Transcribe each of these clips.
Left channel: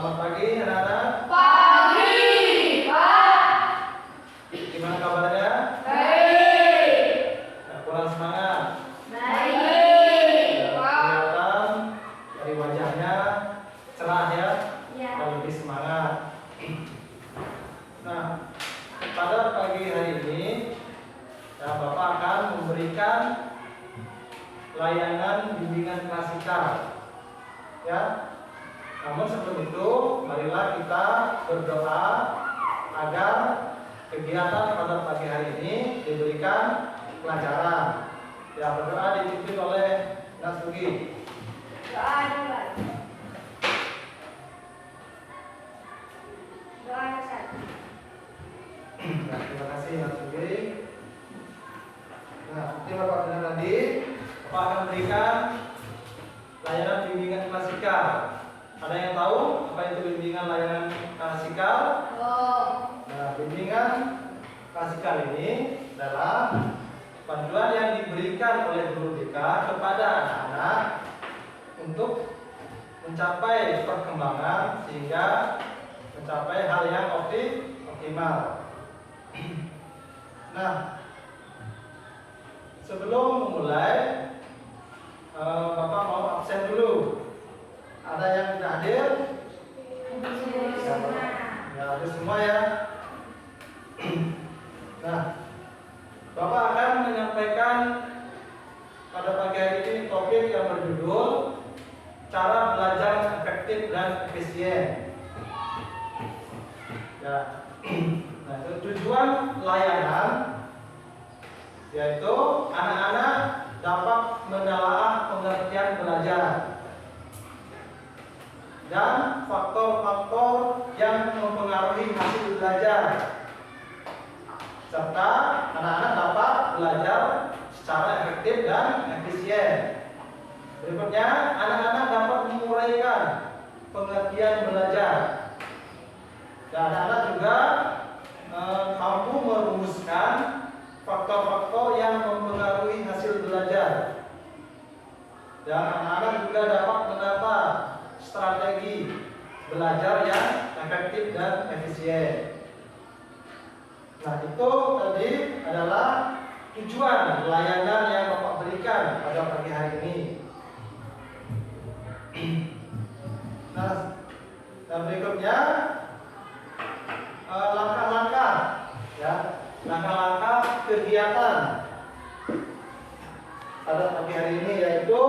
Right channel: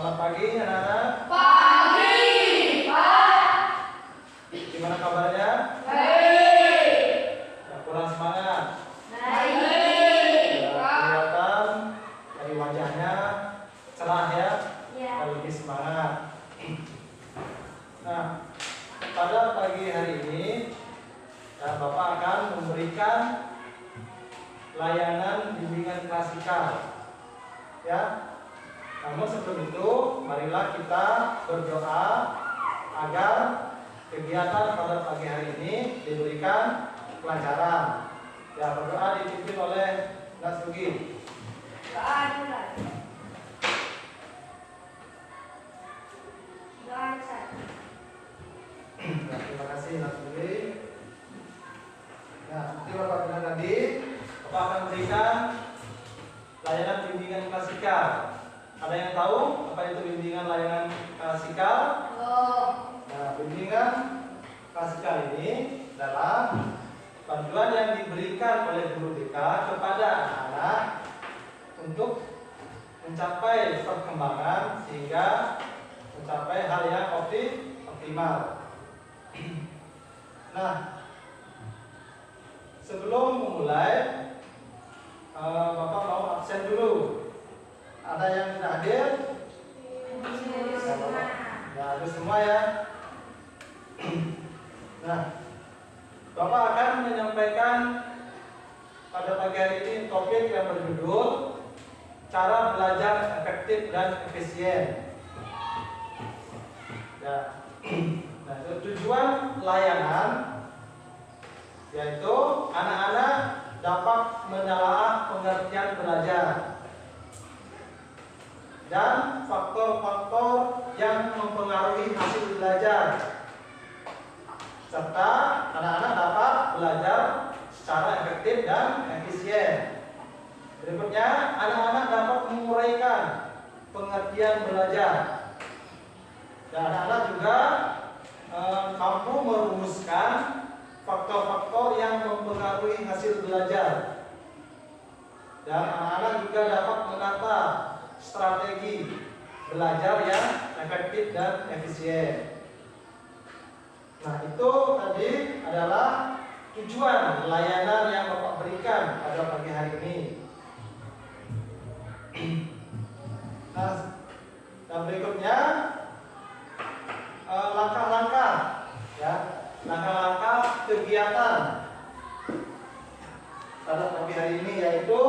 Selamat pagi anak-anak. Pagi, Pak. Gimana kabarnya? Baik. Kurang semangat? Baik, Ya, Pak. kelihatan dari wajahnya cerah ya, Ya. dan lebih semangat. Nah, pada pagi hari ini ya, Bapak akan memberikan layanan bimbingan klasikal. Ya. Namun sebelum itu, marilah kita berdoa agar kegiatan pada pagi hari ini diberikan kelancaran. Ya, berdoa dipimpin oleh Nak Sugi. Doa dulu. Doa Ustaz. Ya, terima kasih Nak Sugi. Nah, seperti Bapak bilang tadi, Bapak akan berikan layanan bimbingan klasikal. Ada yang tahu apa itu bimbingan layanan klasikal? Oh. Nah, bimbingan klasikal ini adalah panduan yang diberikan oleh guru BK kepada anak-anak untuk mencapai perkembangan sehingga mencapai hal yang optimal. Nah, sebelum memulai, Bapak mau absen dulu. Ada yang tidak hadir? Ya, hadir semua ya. Nah, Bapak akan menyampaikan pada pagi hari ini topik yang berjudul cara belajar efektif dan efisien. Ya. Nah, tujuan layanan yaitu anak-anak dapat menelaah pengertian belajar dan faktor-faktor yang mempengaruhi hasil belajar, serta anak-anak dapat belajar secara efektif dan efisien. Berikutnya, anak-anak dapat menguraikan pengertian belajar, dan anak-anak juga mampu merumuskan faktor-faktor yang mempengaruhi hasil belajar, dan anak-anak juga dapat menata strategi belajar yang efektif dan efisien. Nah, itu tadi adalah tujuan layanan yang Bapak berikan pada pagi hari ini. Nah, dan berikutnya langkah-langkah, ya, langkah-langkah kegiatan pada pagi hari ini, yaitu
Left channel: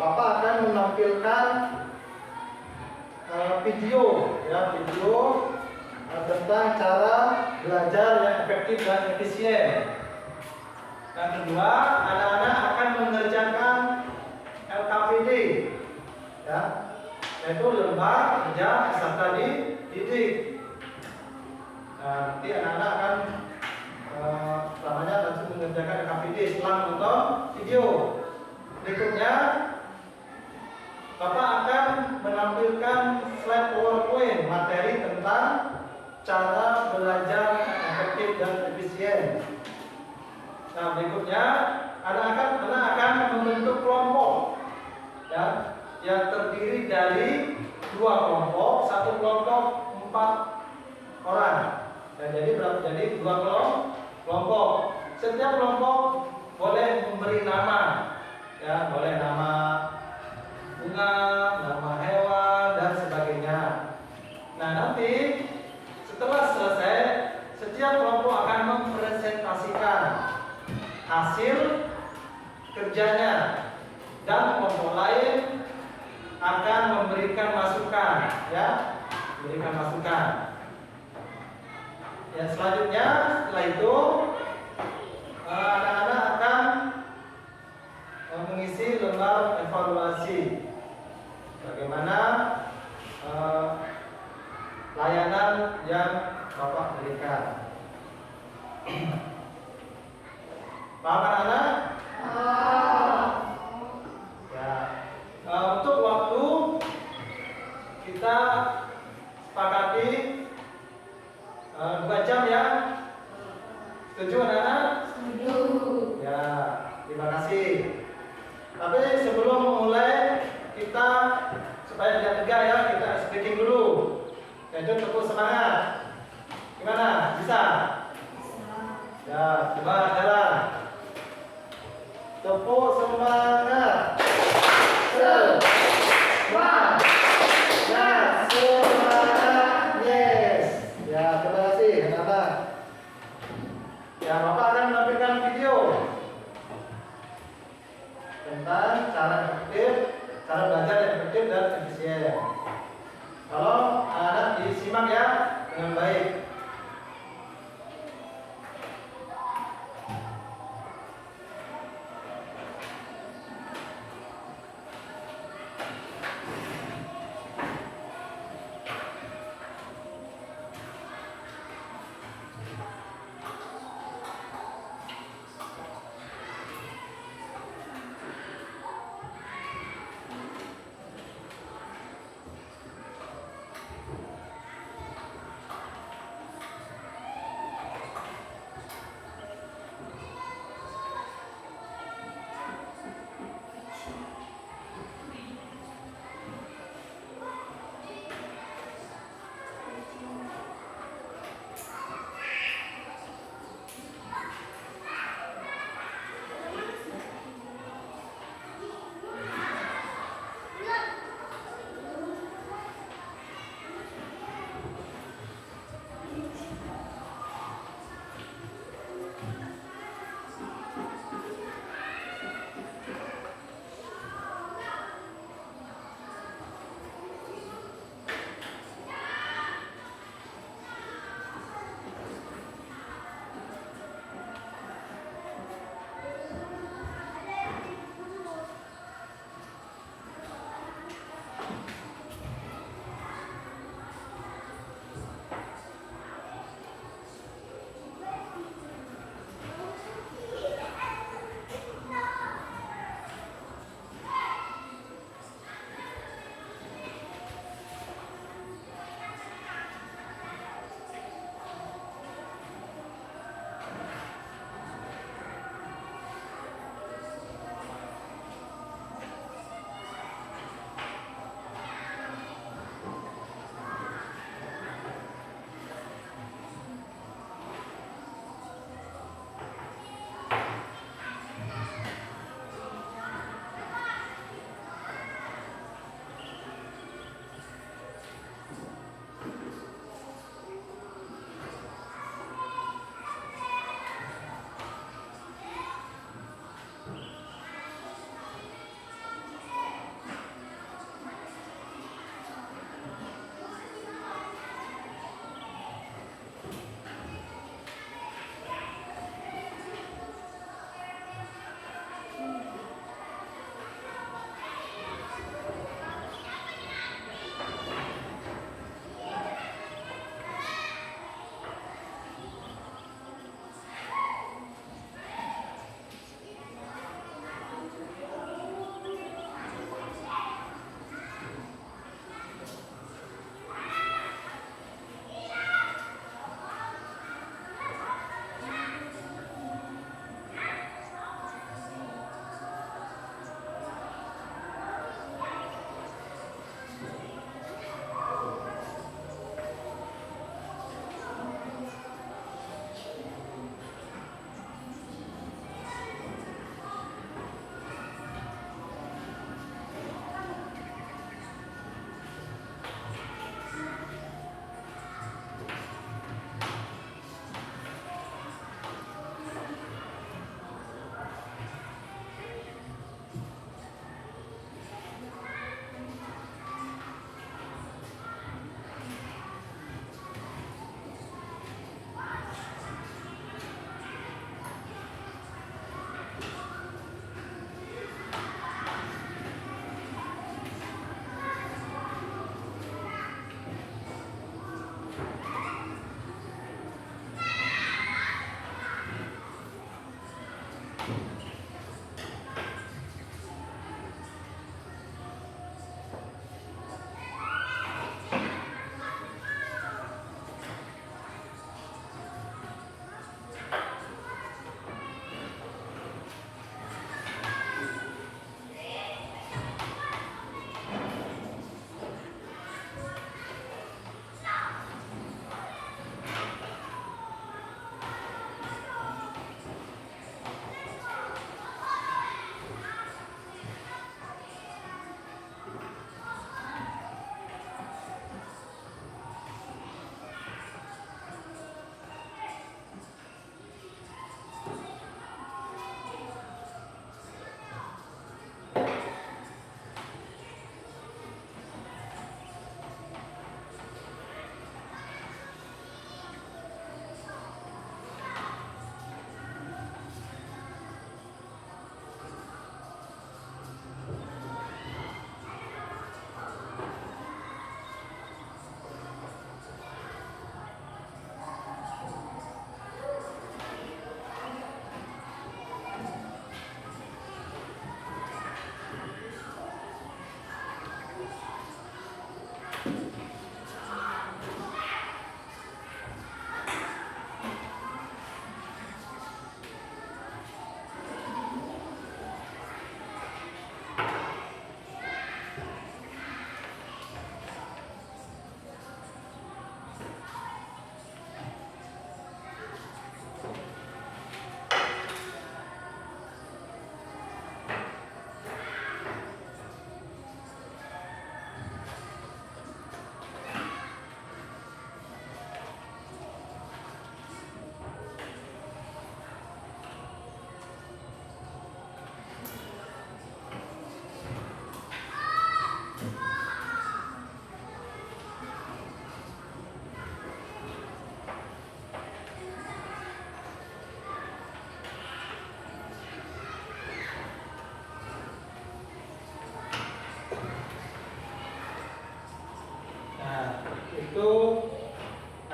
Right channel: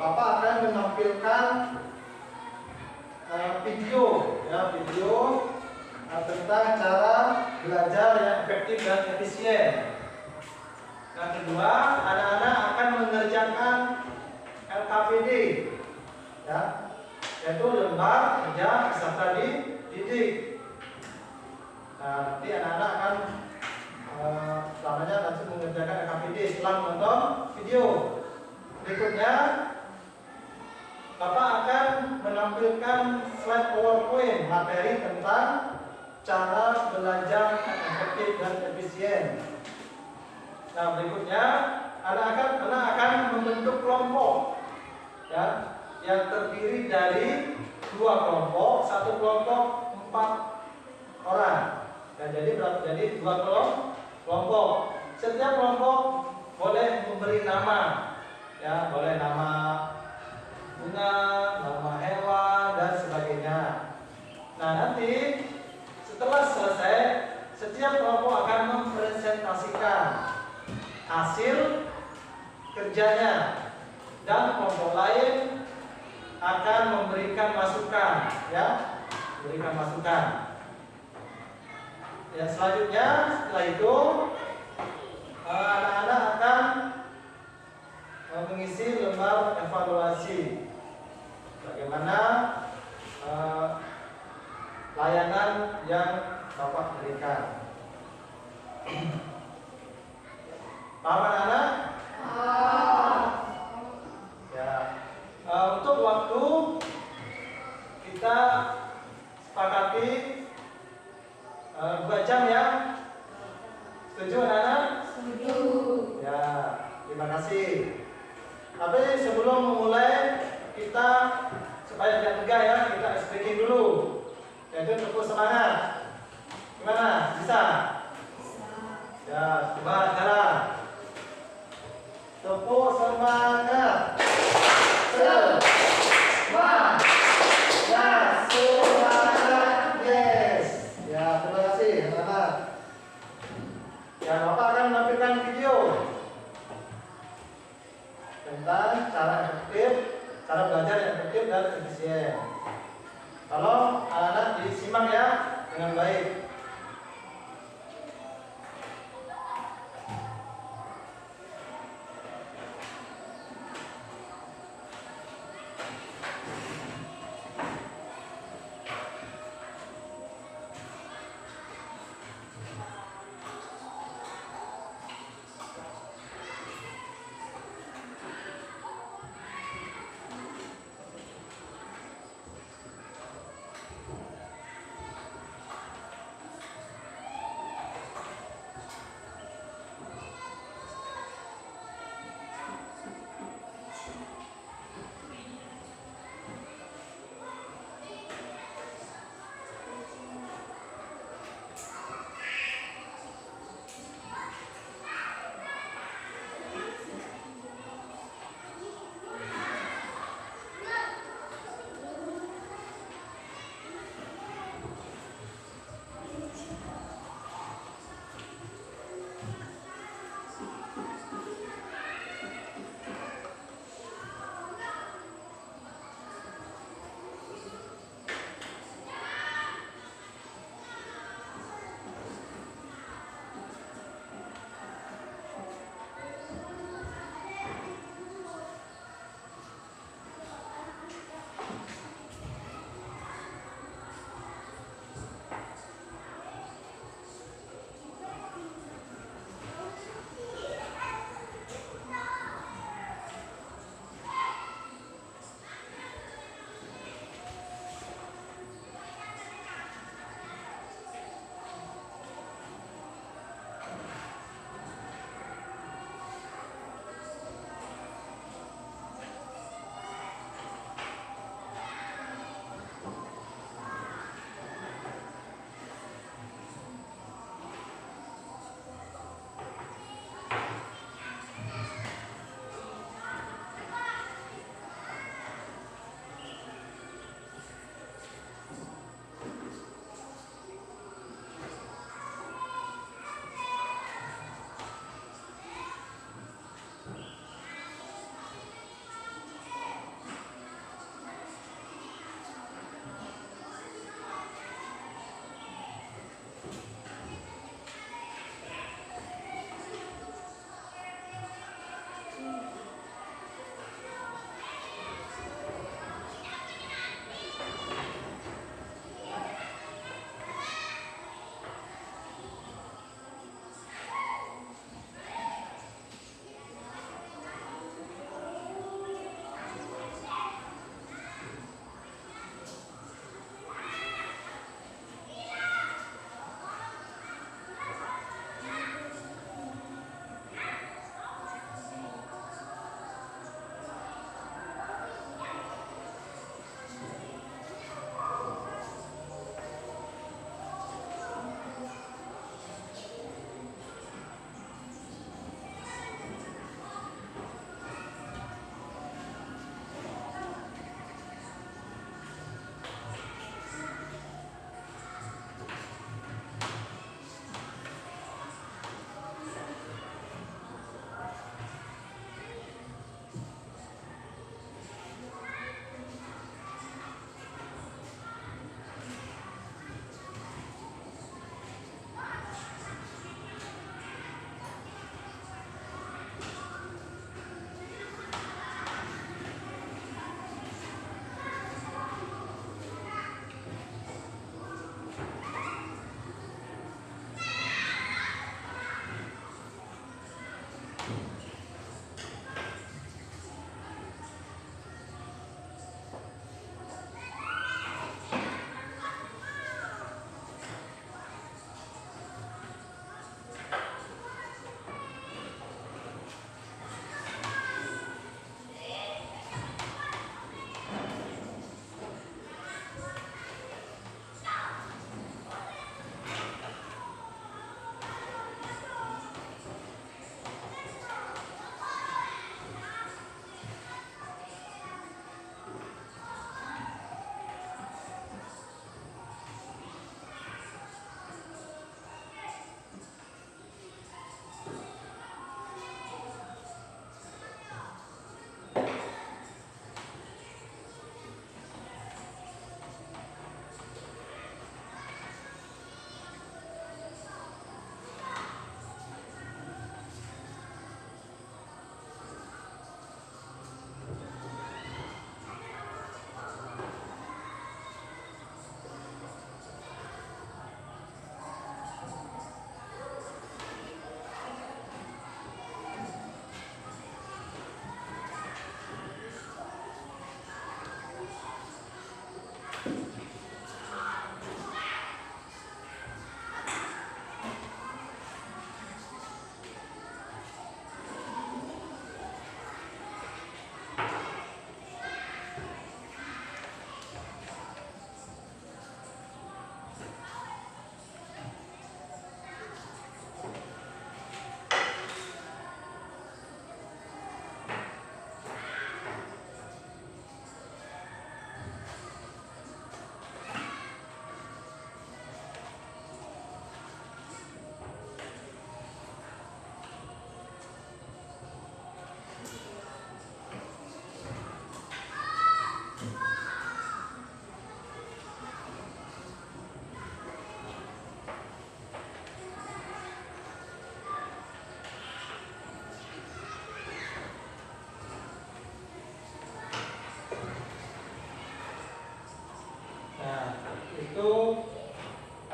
Bapak akan menampilkan video tentang cara belajar yang efektif dan efisien. Yang kedua, anak-anak akan mengerjakan LKPD, ya, yaitu lembar kerja peserta didik. Nah, nanti anak-anak akan selamanya nanti mengerjakan LKPD setelah menonton video. Berikutnya, Bapak akan menampilkan slide PowerPoint materi tentang cara belajar efektif dan efisien. Nah, berikutnya anak-anak akan membentuk kelompok, ya, yang terdiri dari 2 kelompok, 1 kelompok 4 orang. Dan jadi berapa? Jadi 2 kelompok. Setiap kelompok boleh memberi nama, ya, boleh nama bunga, nama hewan, dan sebagainya. Nah, nanti setelah selesai, setiap kelompok akan mempresentasikan hasil kerjanya, dan kelompok lain akan memberikan masukan, ya, memberikan masukan. Ya, selanjutnya setelah itu anak-anak akan mengisi lembar evaluasi bagaimana layanan yang Bapak berikan. Paham anak-anak? Ya. Untuk waktu kita sepakati 2 jam ya. Setuju anak-anak? Setuju. Ya, terima kasih. Tapi sebelum memulai, kita supaya tidak tegak ya, kita speaking dulu. Yaitu tepuk semangat. Gimana? Bisa? Ya, coba jalan. Tepuk semangat. Semangat. Semangat. Yes. Ya, terima kasih anak-anak. Ya, Bapak akan menampilkan video tentang cara efektif, cara belajar yang efektif dan efisien. Tolong anak-anak disimak ya dengan baik.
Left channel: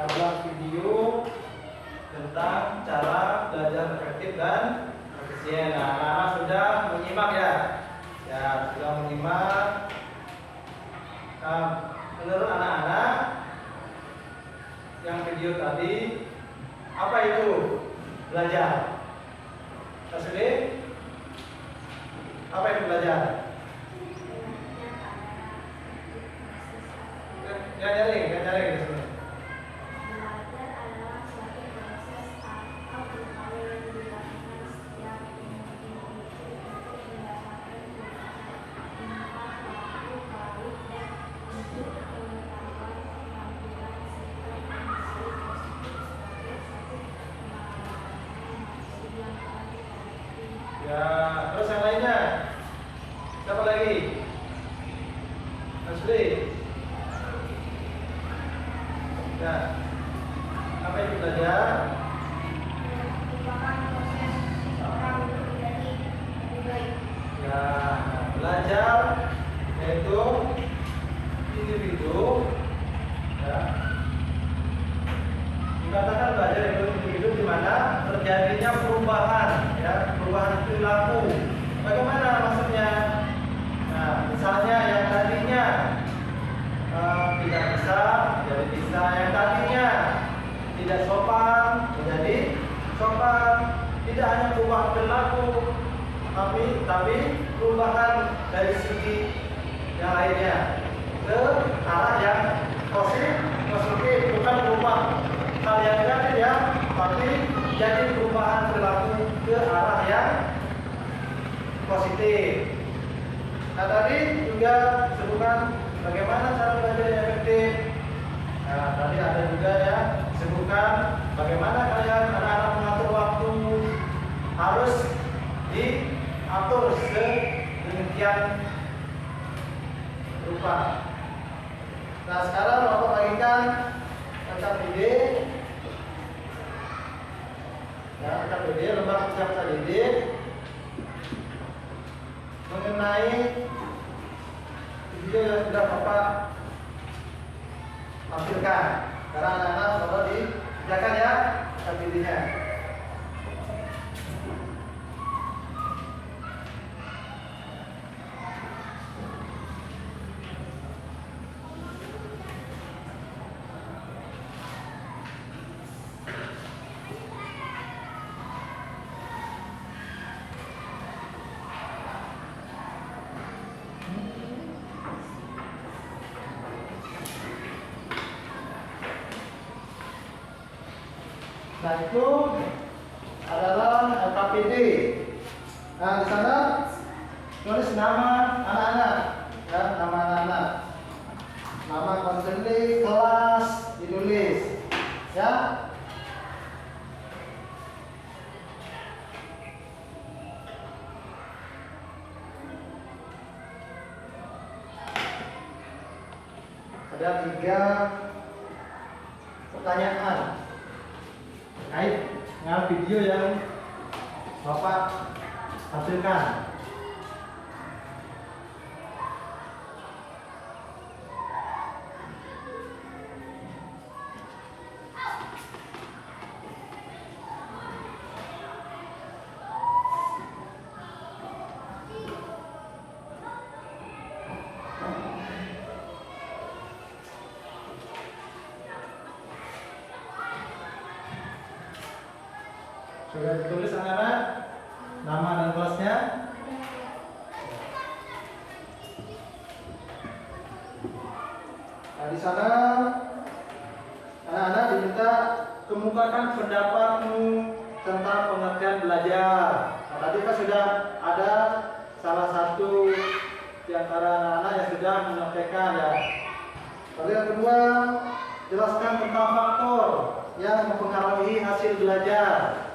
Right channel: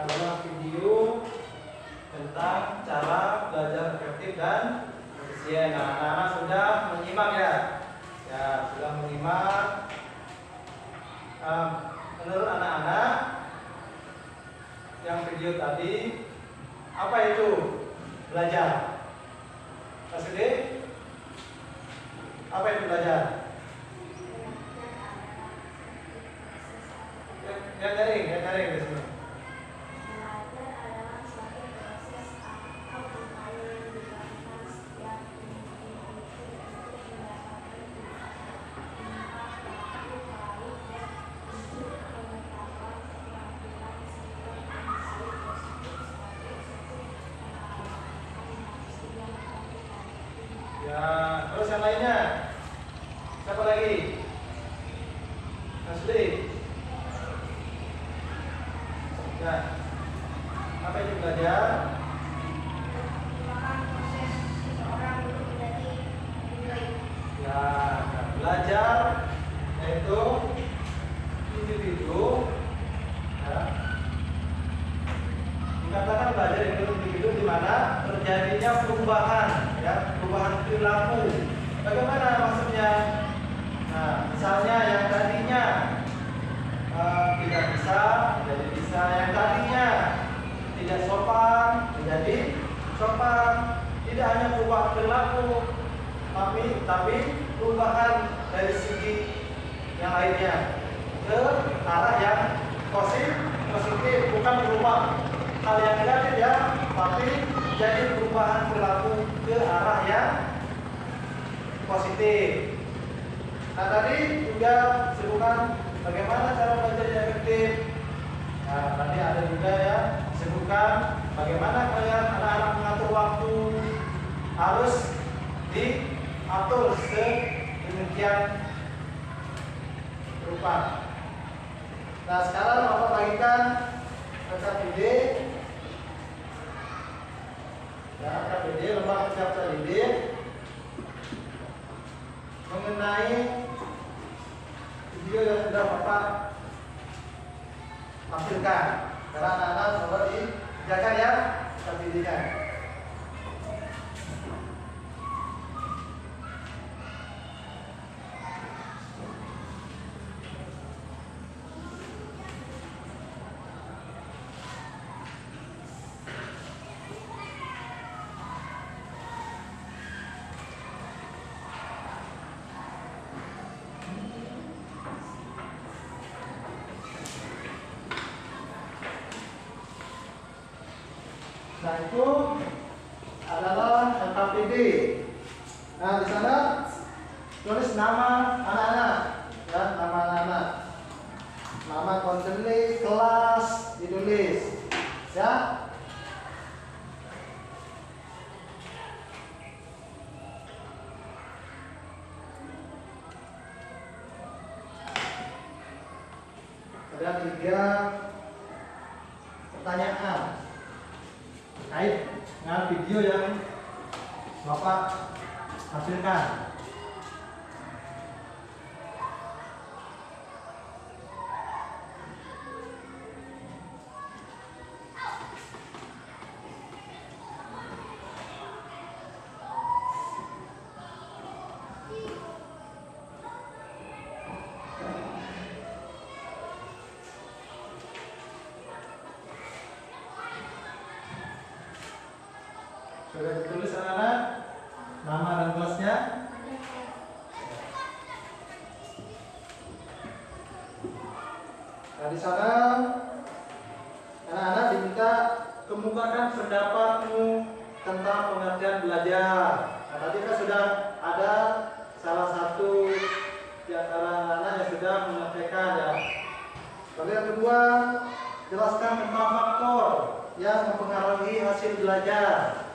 adalah video tentang cara belajar efektif dan efisien. Nah, anak-anak sudah menyimak ya? Ya, sudah menyimak. Menurut anak-anak yang video tadi, apa itu belajar? SD? Apa itu belajar? Yang nyaring di sini. Belajar adalah suatu proses atau upaya yang dilakukan setiap individu untuk mendapatkan pengetahuan, baik dan untuk pengetahuan, keterampilan, sikap dan nilai positif sebagai satu pengalaman manusia yang kualitatif. Ya, terus yang lainnya? Siapa lagi? Asli. Ya. Apa itu belajar? Merupakan proses seseorang untuk menjadi lebih baik. Ya, belajar yaitu individu ya. Dikatakan belajar yaitu individu di mana terjadinya perubahan ya, perubahan perilaku. Bagaimana maksudnya? Nah, misalnya yang tadinya tidak bisa menjadi bisa, yang tadinya tidak sopan menjadi sopan. Tidak hanya perubahan perilaku, tapi perubahan dari segi yang lainnya ke arah yang positif, bukan berubah hal yang negatif ya, tapi jadi perubahan perilaku ke arah yang positif. Nah, tadi juga sebutkan bagaimana cara belajar yang efektif. Nah, tadi ada juga ya sebutkan bagaimana kalian anak-anak mengatur waktu, harus diatur sedemikian rupa. Nah, sekarang Bapak bagikan KPD ya, KPD lembar kerja didik mengenai video yang sudah Bapak tampilkan. Sekarang anak-anak Bapak dikerjakan ya KPD-nya. Nah, itu adalah LKPD. Nah, di sana tulis nama anak-anak, ya, nama anak-anak, nama konseling, kelas ditulis, ya. Ada 3 pertanyaan terkait dengan video yang Bapak hasilkan. Sudah ditulis anak-anak nama dan kelasnya? Nah, di sana anak-anak diminta kemukakan pendapatmu tentang pengertian belajar. Nah, tadi kan sudah ada salah satu di antara anak-anak yang sudah menyampaikan ya. Lalu yang kedua, jelaskan tentang faktor yang mempengaruhi hasil belajar.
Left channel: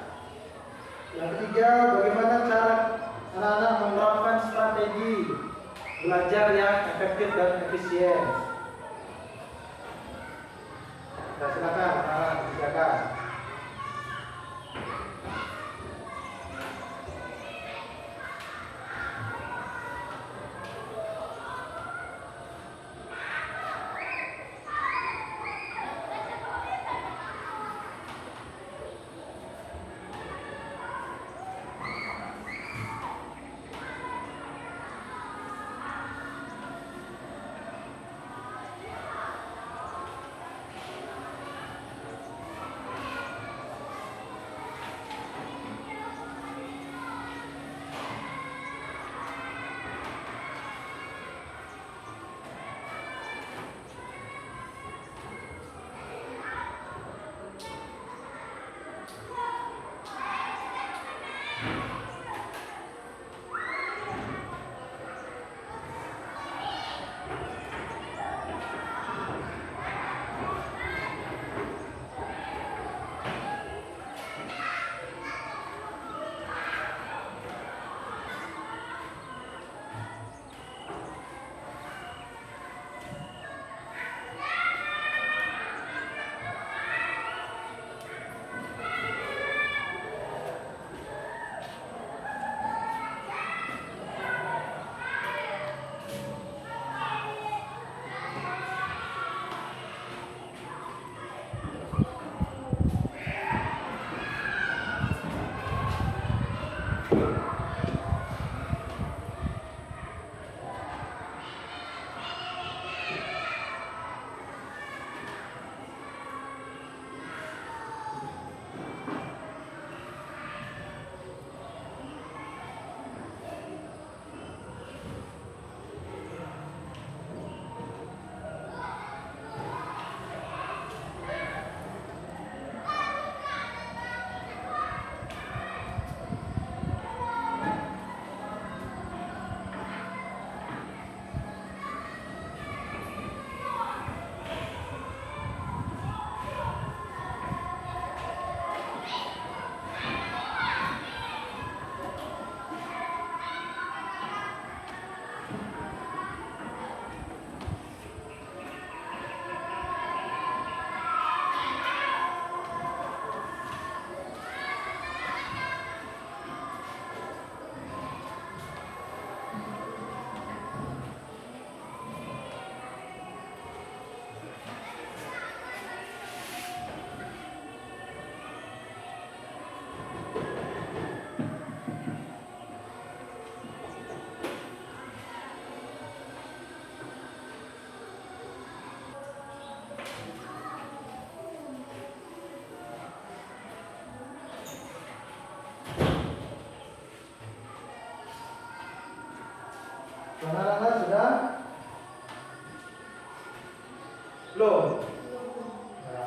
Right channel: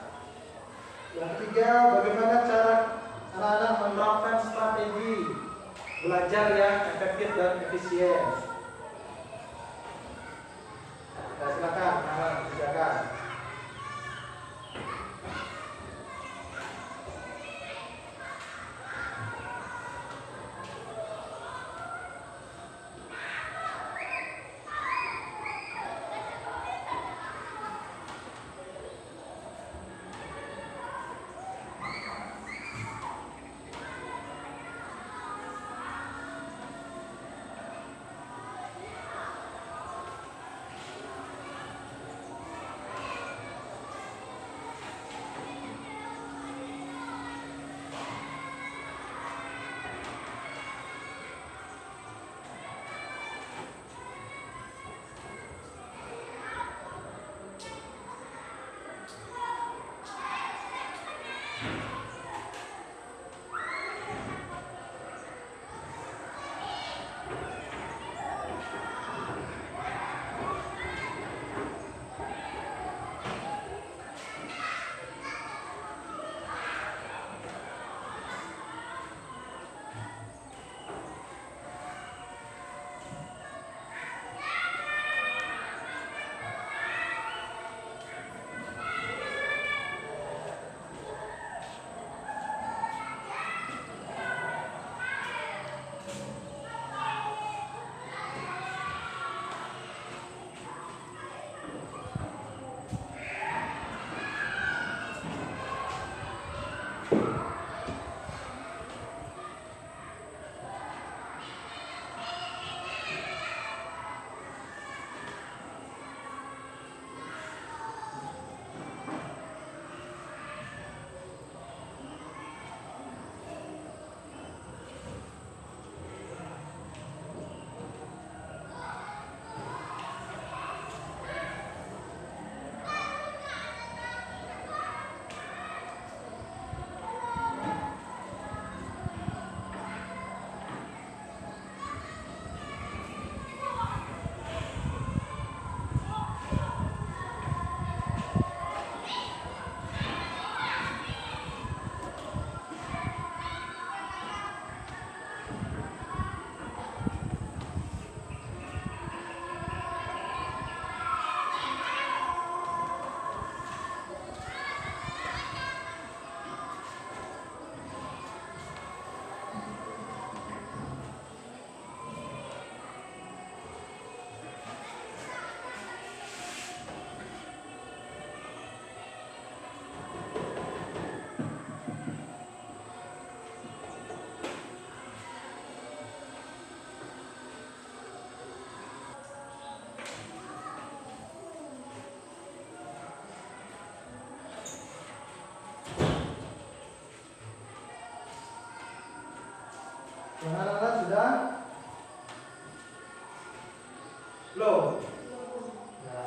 Yang ketiga, bagaimana cara anak-anak menerapkan strategi belajar yang efektif dan efisien. Nah, silakan anak kerjakan. Belum. belum. Ya.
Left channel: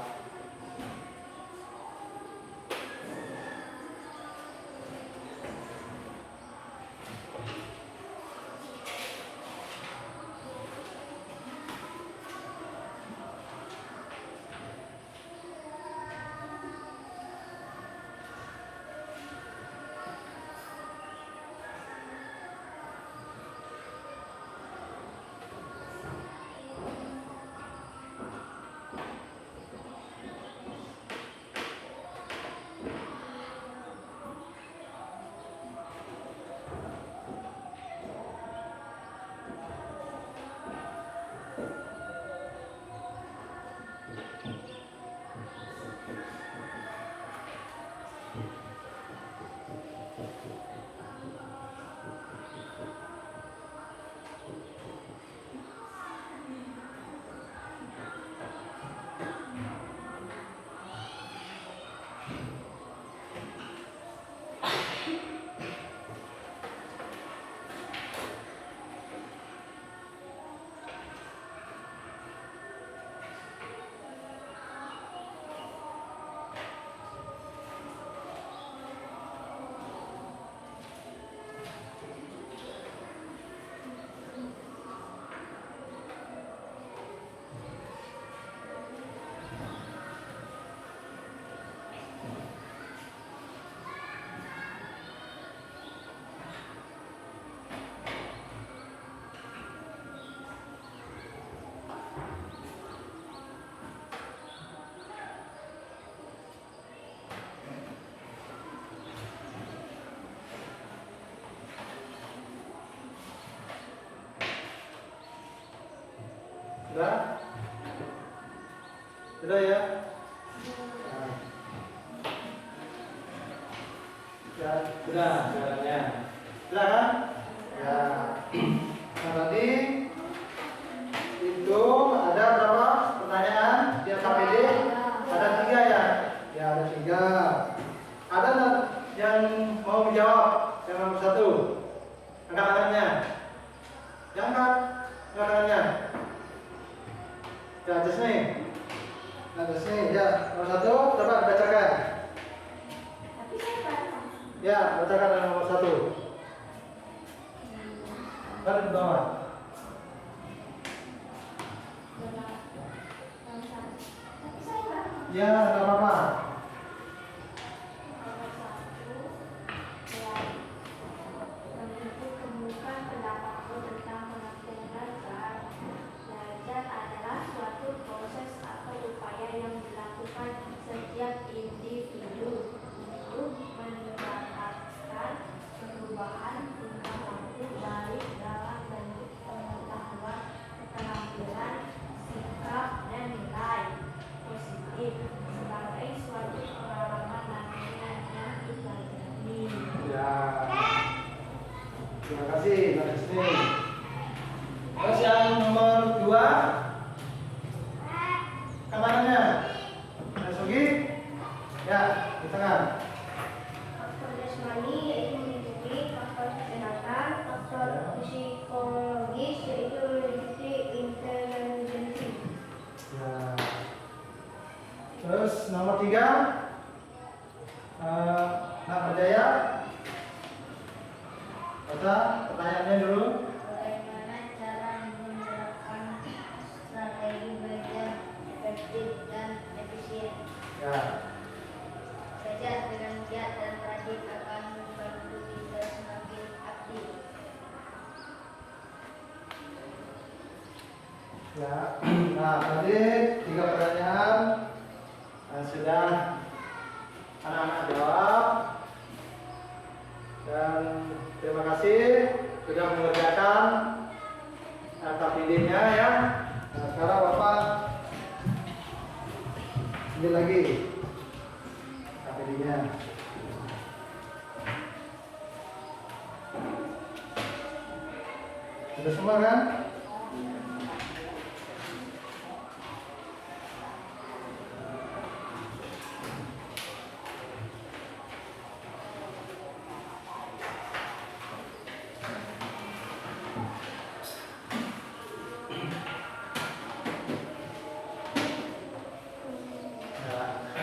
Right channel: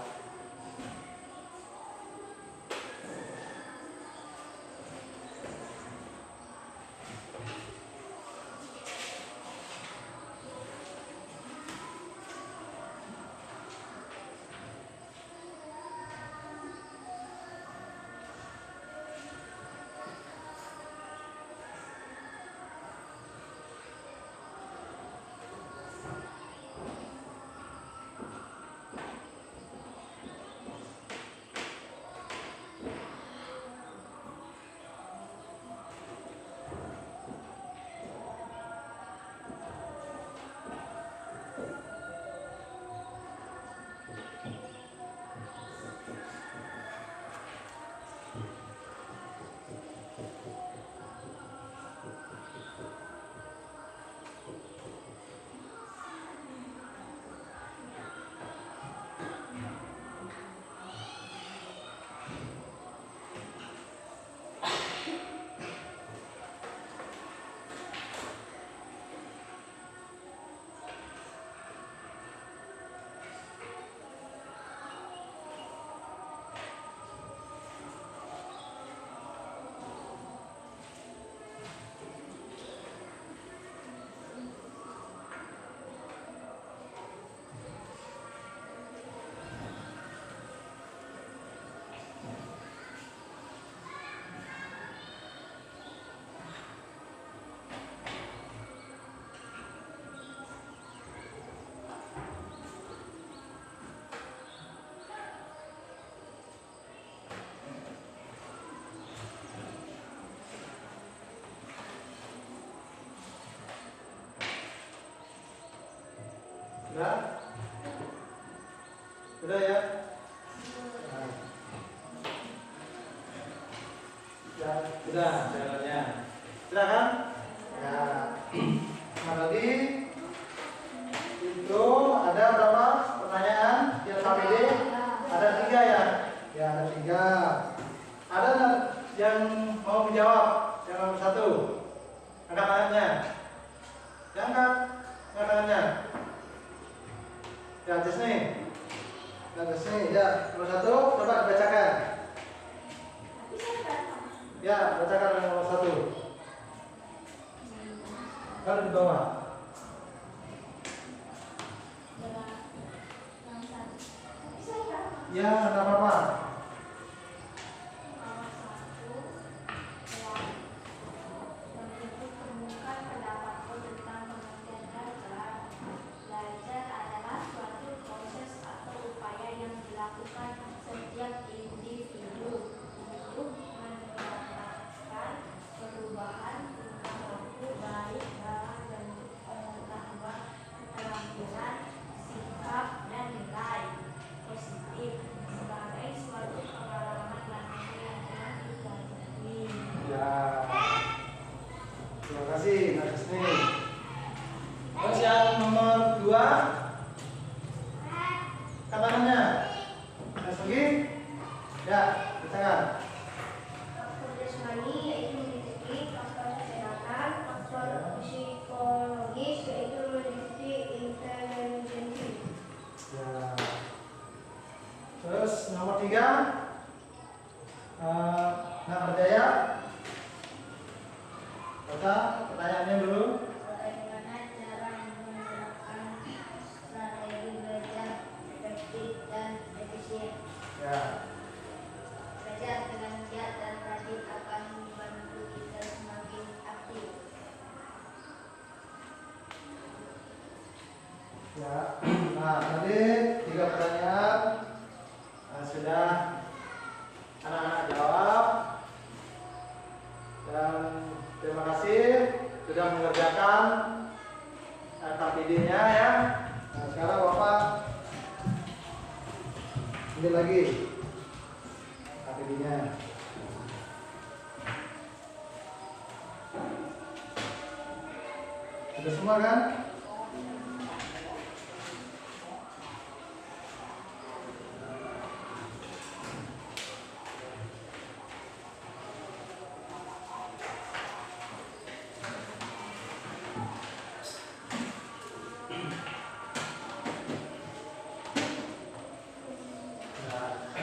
Sudah? Sudah ya? Nah. Sudah jalannya. Sudah kan? Ya. Nah tadi itu ada berapa pertanyaan di KPD? Ada 3 ya? Ya ada 3. Ada yang mau menjawab? Yang nomor 1. Angkat tangannya. Yang angkat tangannya. Ya, just nih. Nah, just nih. Ya, nomor 1 coba bacakan. Tapi saya paham. Ya, bacakan yang nomor 1. Ada di bawah. Tapi saya paham. Ya, enggak apa-apa. Nomor 1 ya, kemukakan pendapatku tentang pengertian belajar. Belajar adalah suatu proses atau upaya yang dilakukan setiap individu untuk mendapatkan perubahan tingkah laku baik dalam bentuk pengetahuan, keterampilan, sikap, dan nilai positif sebagai suatu pengalaman latihan yang dipelajari. Ya. Terima kasih, Kak Jusni. Terus yang nomor 2, tangannya. Masuki. Ya, bacakan. Faktor jasmani yaitu meliputi faktor kesehatan, faktor psikologis yaitu meliputi intelijensi. Ya. Terus nomor 3, Nak Berjaya. Baca pertanyaannya dulu. Bagaimana cara menerapkan strategi belajar efektif dan efisien? Ya. Belajar dengan giat dan rajin akan membantu kita semakin aktif. Ya. Nah, tadi 3 pertanyaan yang sudah anak-anak jawab. Dan terima kasih sudah mengerjakan KPD-nya ya. Nah, sekarang Bapak ambil lagi KPD-nya. Sudah semua kan?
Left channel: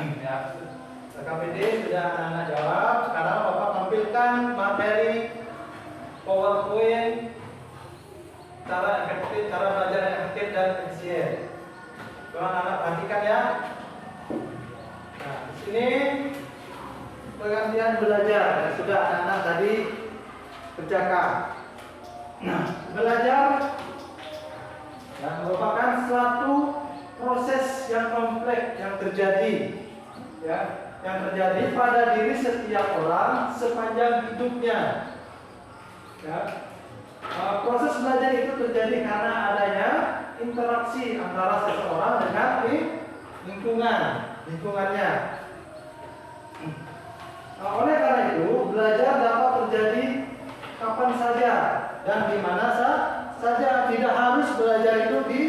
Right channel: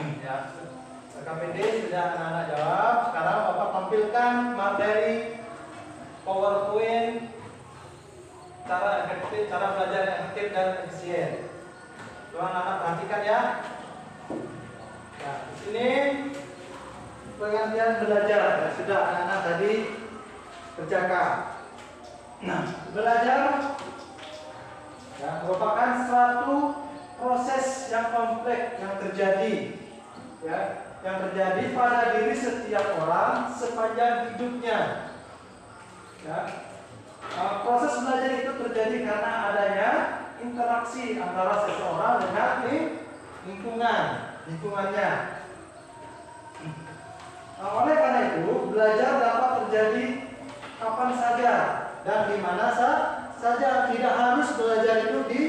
Ya, KPD sudah anak-anak jawab. Sekarang Bapak tampilkan materi PowerPoint cara efektif, cara belajar yang efektif dan efisien. Tolong anak perhatikan ya. Nah, di sini pengertian belajar yang sudah anak-anak tadi kerjakan. Nah, belajar ya, merupakan suatu proses yang kompleks yang terjadi, ya, yang terjadi pada diri setiap orang sepanjang hidupnya. Ya. Proses belajar itu terjadi karena adanya interaksi antara seseorang dengan lingkungannya. Oleh karena itu, belajar dapat terjadi kapan saja dan di mana saja. Tidak harus belajar itu di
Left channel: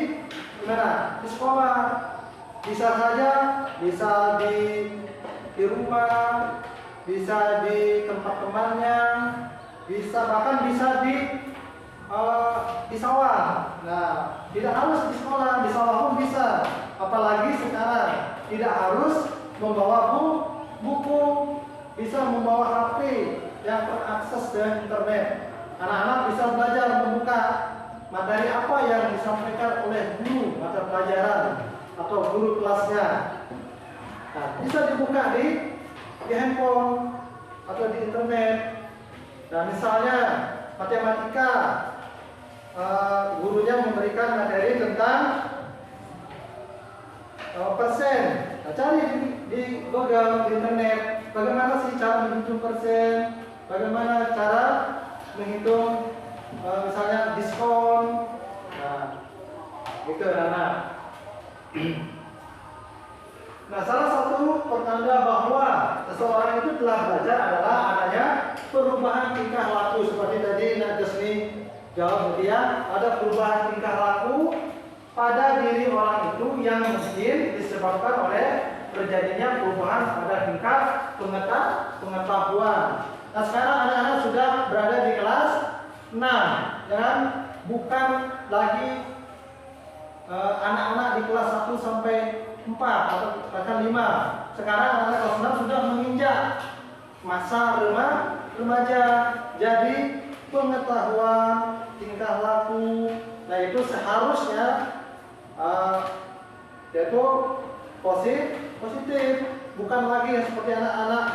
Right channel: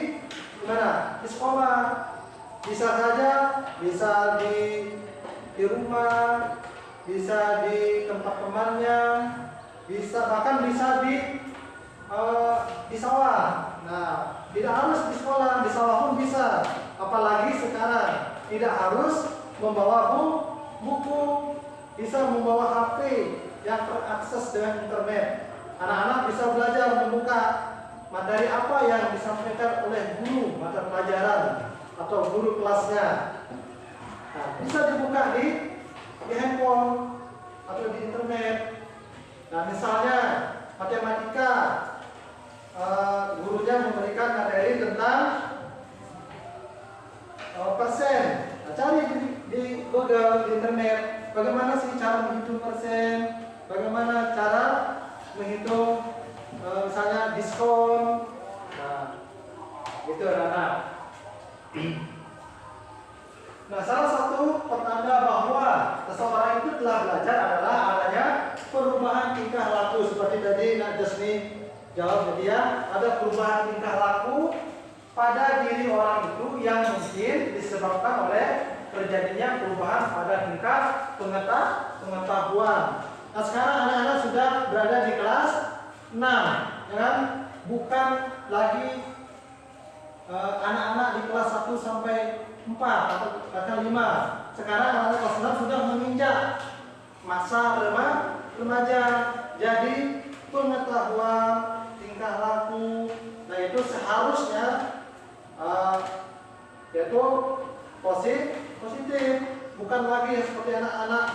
mana? Di sekolah. Bisa saja, bisa di rumah, bisa di tempat temannya, bahkan bisa di sawah. Nah, tidak harus di sekolah, di sawah pun bisa. Apalagi sekarang tidak harus membawa buku, bisa membawa HP yang terakses dengan internet. Anak-anak bisa belajar membuka materi apa yang disampaikan oleh guru mata pelajaran atau guru kelasnya. Nah, bisa dibuka di handphone atau di internet. Nah, misalnya matematika, gurunya memberikan materi tentang persen. Nah, cari di Google, di internet, bagaimana sih cara menghitung persen, bagaimana cara menghitung misalnya diskon. Nah, gitu anak-anak. Nah, salah satu pertanda bahwa seseorang itu telah belajar adalah adanya perubahan tingkah laku. Seperti tadi Nak Desni jawab tadi ya, ada perubahan tingkah laku pada diri orang itu yang mungkin disebabkan oleh terjadinya perubahan pada tingkat pengetahuan. Nah, sekarang anak-anak sudah berada di kelas 6, dan bukan lagi anak-anak di kelas 1 sampai 4 atau bahkan 5. Sekarang anak kelas 6 sudah menginjak masa remaja. Jadi pengetahuan tingkah laku, nah itu seharusnya yaitu positif, bukan lagi seperti anak-anak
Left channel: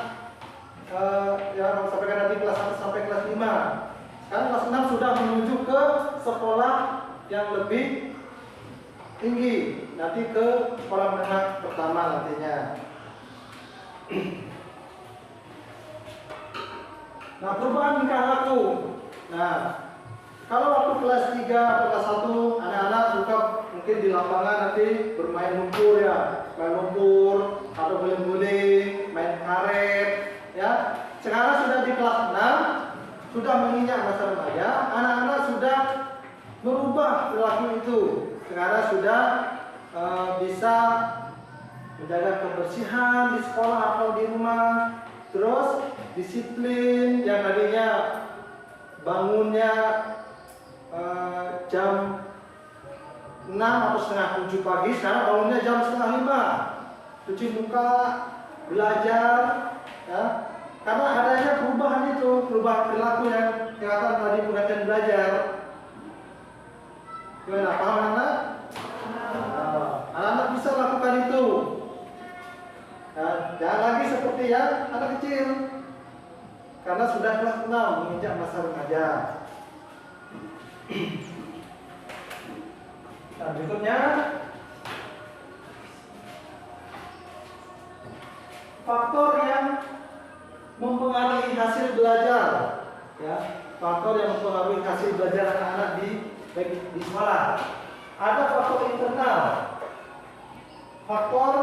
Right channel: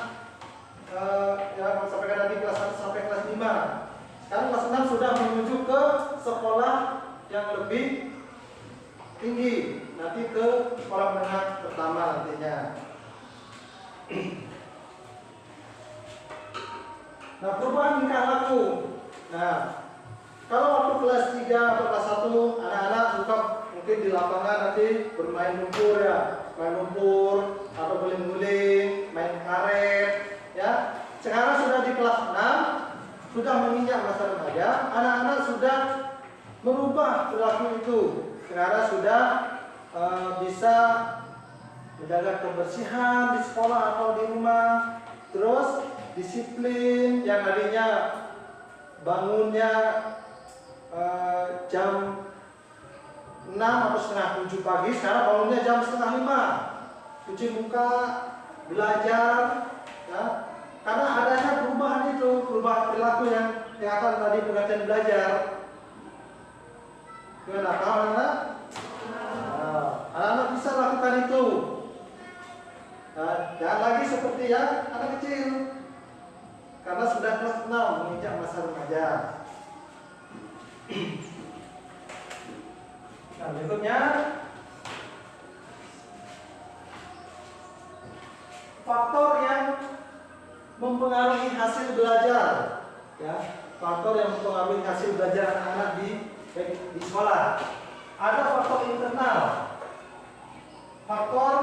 yang sampai nanti kelas 1 sampai kelas 5. Sekarang kelas 6 sudah menuju ke sekolah yang lebih tinggi, nanti ke sekolah menengah pertama nantinya. Nah, perubahan tingkah laku. Nah, kalau waktu kelas 3 atau kelas 1 anak-anak suka mungkin di lapangan nanti bermain lumpur ya, main lumpur atau guling-guling, main karet ya. Sekarang sudah di kelas 6, sudah menginjak masa remaja, anak-anak sudah merubah perilaku itu. Sekarang sudah bisa menjaga kebersihan di sekolah atau di rumah, terus disiplin yang tadinya bangunnya jam 6 atau setengah 7 pagi, sekarang bangunnya jam setengah 5, cuci muka, belajar ya. Karena adanya perubahan itu, perubahan perilaku yang dikatakan tadi pengertian belajar. Gimana, paham anak? Anak-anak bisa lakukan itu. Nah, jangan lagi seperti yang anak kecil, karena sudah kelas 6 menginjak masa remaja. Nah, berikutnya faktor yang mempengaruhi hasil belajar ya, faktor yang mempengaruhi hasil belajar anak-anak di sekolah. Ada faktor internal, faktor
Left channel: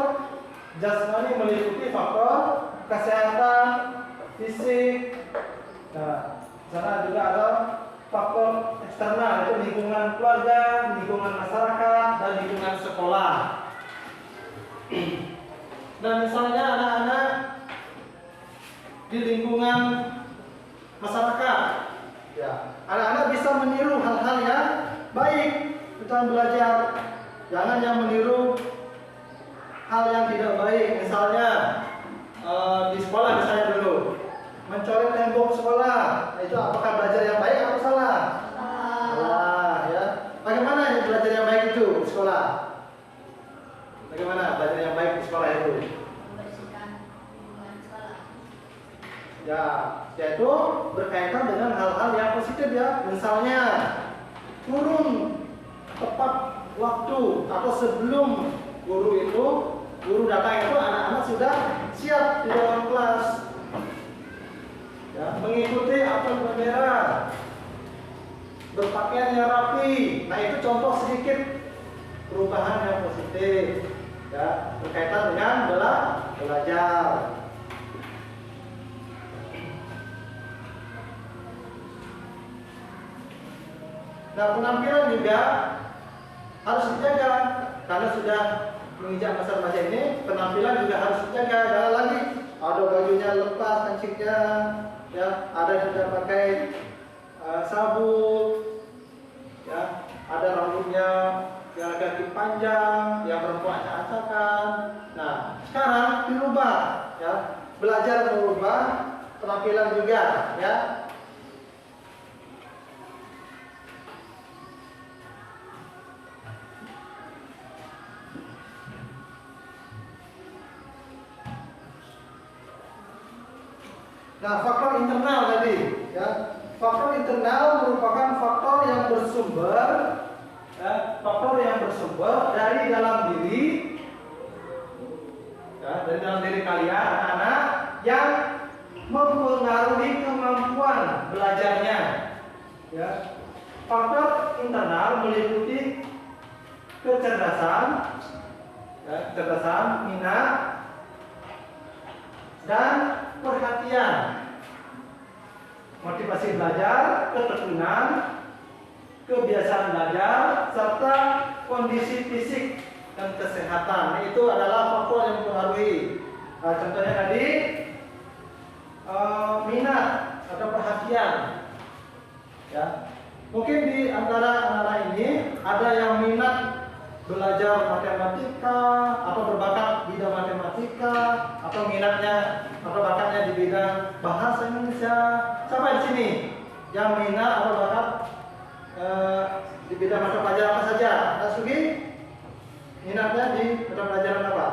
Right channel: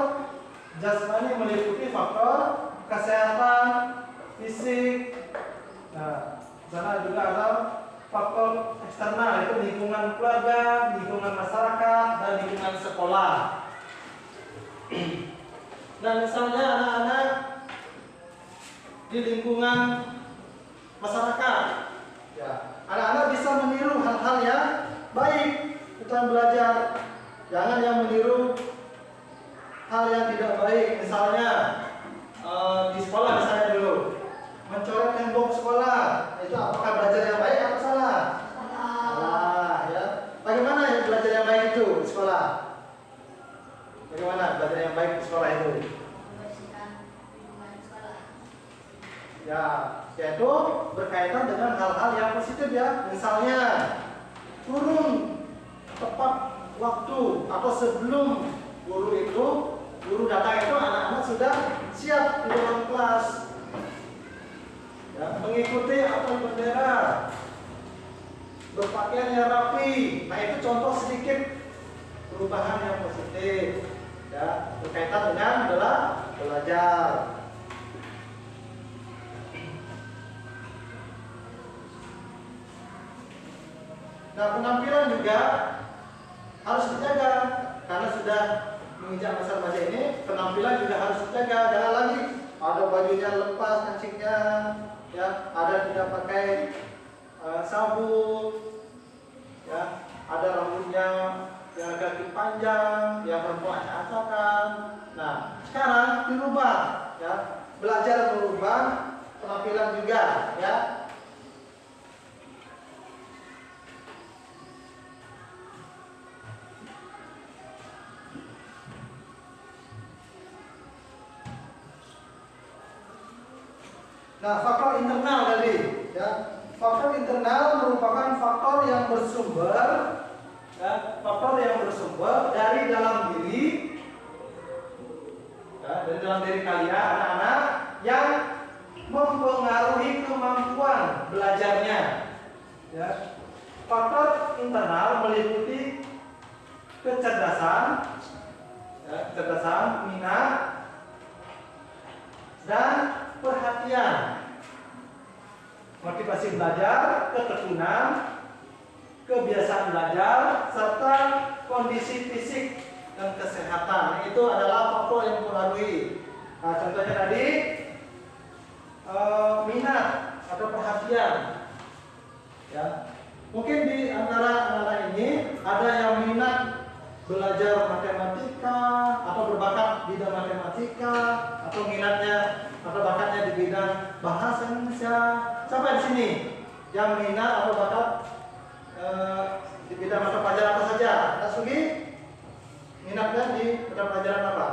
jasmani meliputi faktor kesehatan fisik. Nah, di sana juga ada faktor eksternal, yaitu lingkungan keluarga, lingkungan masyarakat, dan lingkungan sekolah. Nah, misalnya anak-anak di lingkungan masyarakat, ya, anak-anak bisa meniru hal-hal yang baik tentang belajar. Jangan yang meniru hal yang tidak baik, misalnya di sekolah misalnya dulu mencoret tembok sekolah, itu apakah belajar yang baik atau salah? Salah, ya. Bagaimana belajar yang baik itu di sekolah? Bagaimana belajar yang baik di sekolah itu? Membersihkan lingkungan sekolah. Ya, yaitu berkaitan dengan hal-hal yang positif ya. Misalnya turun tepat waktu atau sebelum guru datang itu anak-anak sudah siap di dalam kelas. Ya, mengikuti apel bendera, berpakaian yang rapi. Nah, itu contoh sedikit perubahan yang positif ya, berkaitan dengan belajar. Nah, penampilan juga harus dijaga karena sudah menginjak masa remaja ini. Penampilan juga harus dijaga. Jangan lagi ada bajunya lepas kancingnya, ya, ada yang tidak pakai sabuk, ya, ada rambutnya yang agak panjang, yang perempuannya acakan. Nah, sekarang dirubah, ya, belajar merubah penampilan juga, ya. Nah, faktor internal tadi, ya. Faktor internal merupakan faktor yang bersumber, ya, faktor yang bersumber dari dalam diri, ya, dari dalam diri kalian anak-anak yang mempengaruhi kemampuan belajarnya. Ya. Faktor internal meliputi kecerdasan, ya, kecerdasan, minat, dan perhatian, motivasi belajar, ketekunan, kebiasaan belajar, serta kondisi fisik dan kesehatan. Itu adalah faktor yang mempengaruhi. Nah, contohnya tadi minat atau perhatian. Ya, mungkin di antara anak-anak ini ada yang minat belajar matematika atau berbakat bidang matematika atau minatnya atau bakatnya di bidang bahasa Indonesia. Sampai di sini yang minat atau bakat di bidang mata pelajaran apa saja? Nah, Sugi minatnya di mata pelajaran apa?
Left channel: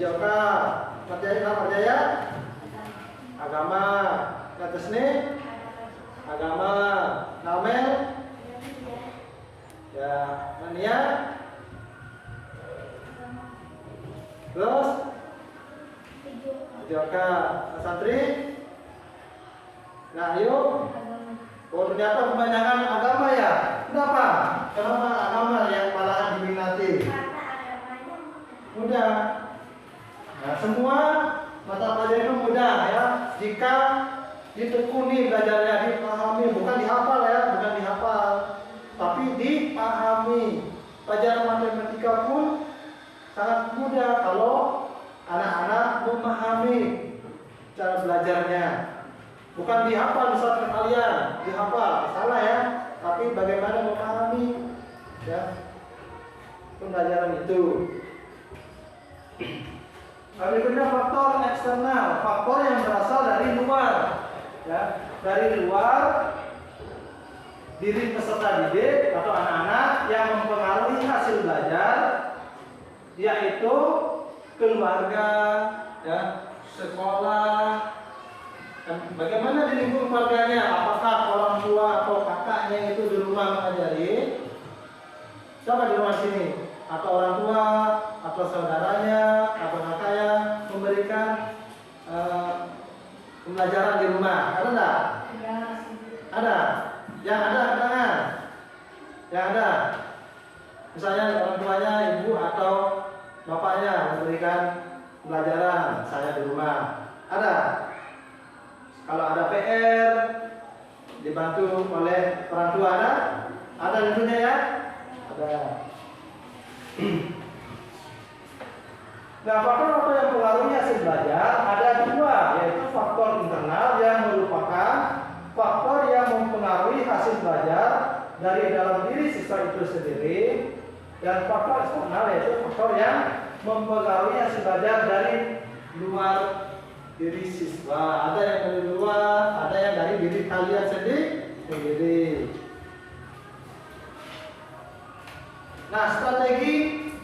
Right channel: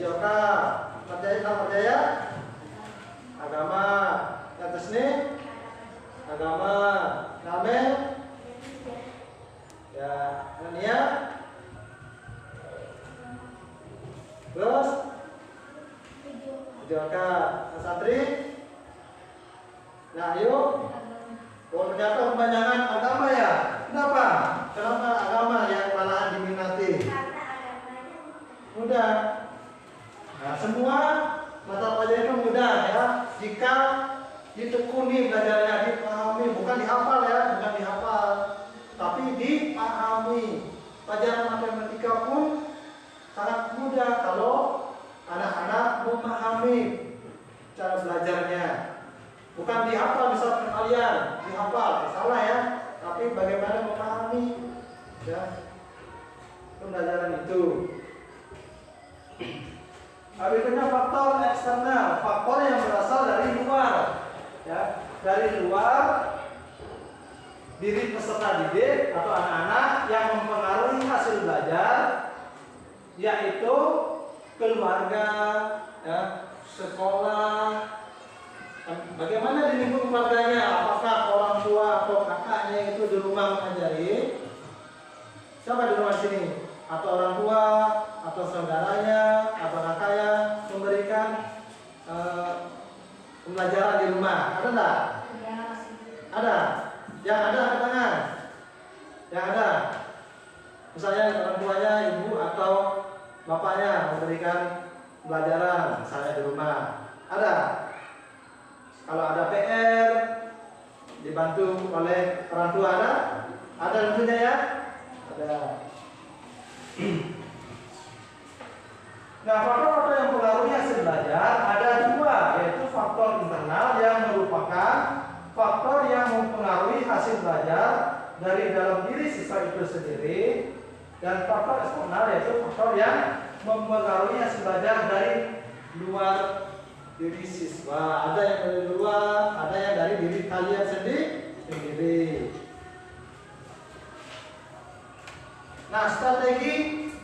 Jauka, Marjaya, agama, Natasni, agama, Namel, ya, Nania, terus Jauka, Santri, nah ayo. Oh, ternyata kebanyakan agama ya. Kenapa? Kenapa agama yang malahan diminati? Karena agamanya Mudah. Nah, semua mata pelajaran itu mudah ya. Jika ditekuni belajarnya, dipahami, bukan dihafal ya, bukan dihafal, tapi dipahami. Pelajaran matematika pun sangat mudah kalau anak-anak memahami cara belajarnya. Bukan dihafal misalkan kalian, dihafal, salah ya. Tapi bagaimana memahami ya pembelajaran itu. Berikutnya faktor eksternal, faktor yang berasal dari luar. Ya, dari luar diri peserta didik atau anak-anak yang mempengaruhi hasil belajar, yaitu keluarga, ya, sekolah. Bagaimana di lingkungan keluarganya? Apakah orang tua atau kakaknya itu di rumah mengajari? Siapa di rumah sini? Atau orang tua, atau saudaranya, atau kakaknya memberikan pembelajaran di rumah? Ada enggak? Ada. Yang ada angkat tangan. Yang ada. Misalnya orang tuanya, ibu atau bapaknya memberikan pembelajaran, misalnya di rumah. Ada. Kalau ada PR dibantu oleh orang tua ada? Ada tentunya ya? Ada. Nah, faktor-faktor yang mempengaruhi hasil belajar ada dua, yaitu faktor internal yang merupakan faktor yang mempengaruhi hasil belajar dari dalam diri siswa itu sendiri, Dan faktor eksternal yaitu faktor yang mempengaruhi hasil belajar dari luar diri siswa. Ada yang dari luar, ada yang dari diri kalian sendiri. Nah, strategi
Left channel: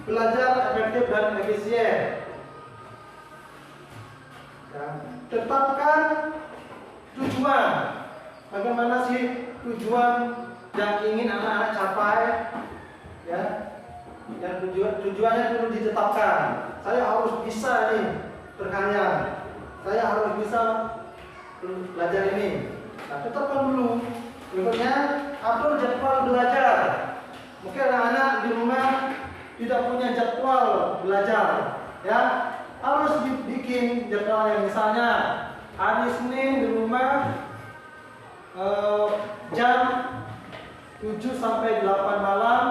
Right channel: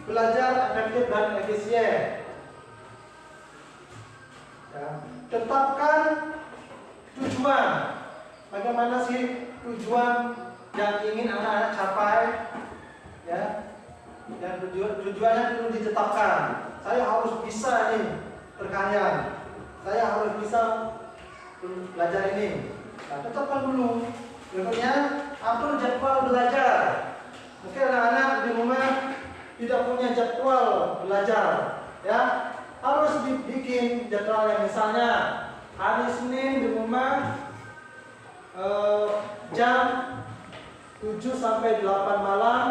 belajar efektif dan efisien. Ya, tetapkan tujuan. Bagaimana sih tujuan yang ingin anak-anak capai? Ya, dan tujuannya perlu ditetapkan. Saya harus bisa nih berkarya. Saya harus bisa belajar ini. Nah, tetapkan dulu. Berikutnya, atur jadwal belajar. Mungkin anak-anak di rumah tidak punya jadwal belajar, ya harus dibikin jadwal yang misalnya hari Senin di rumah jam 7 sampai 8 malam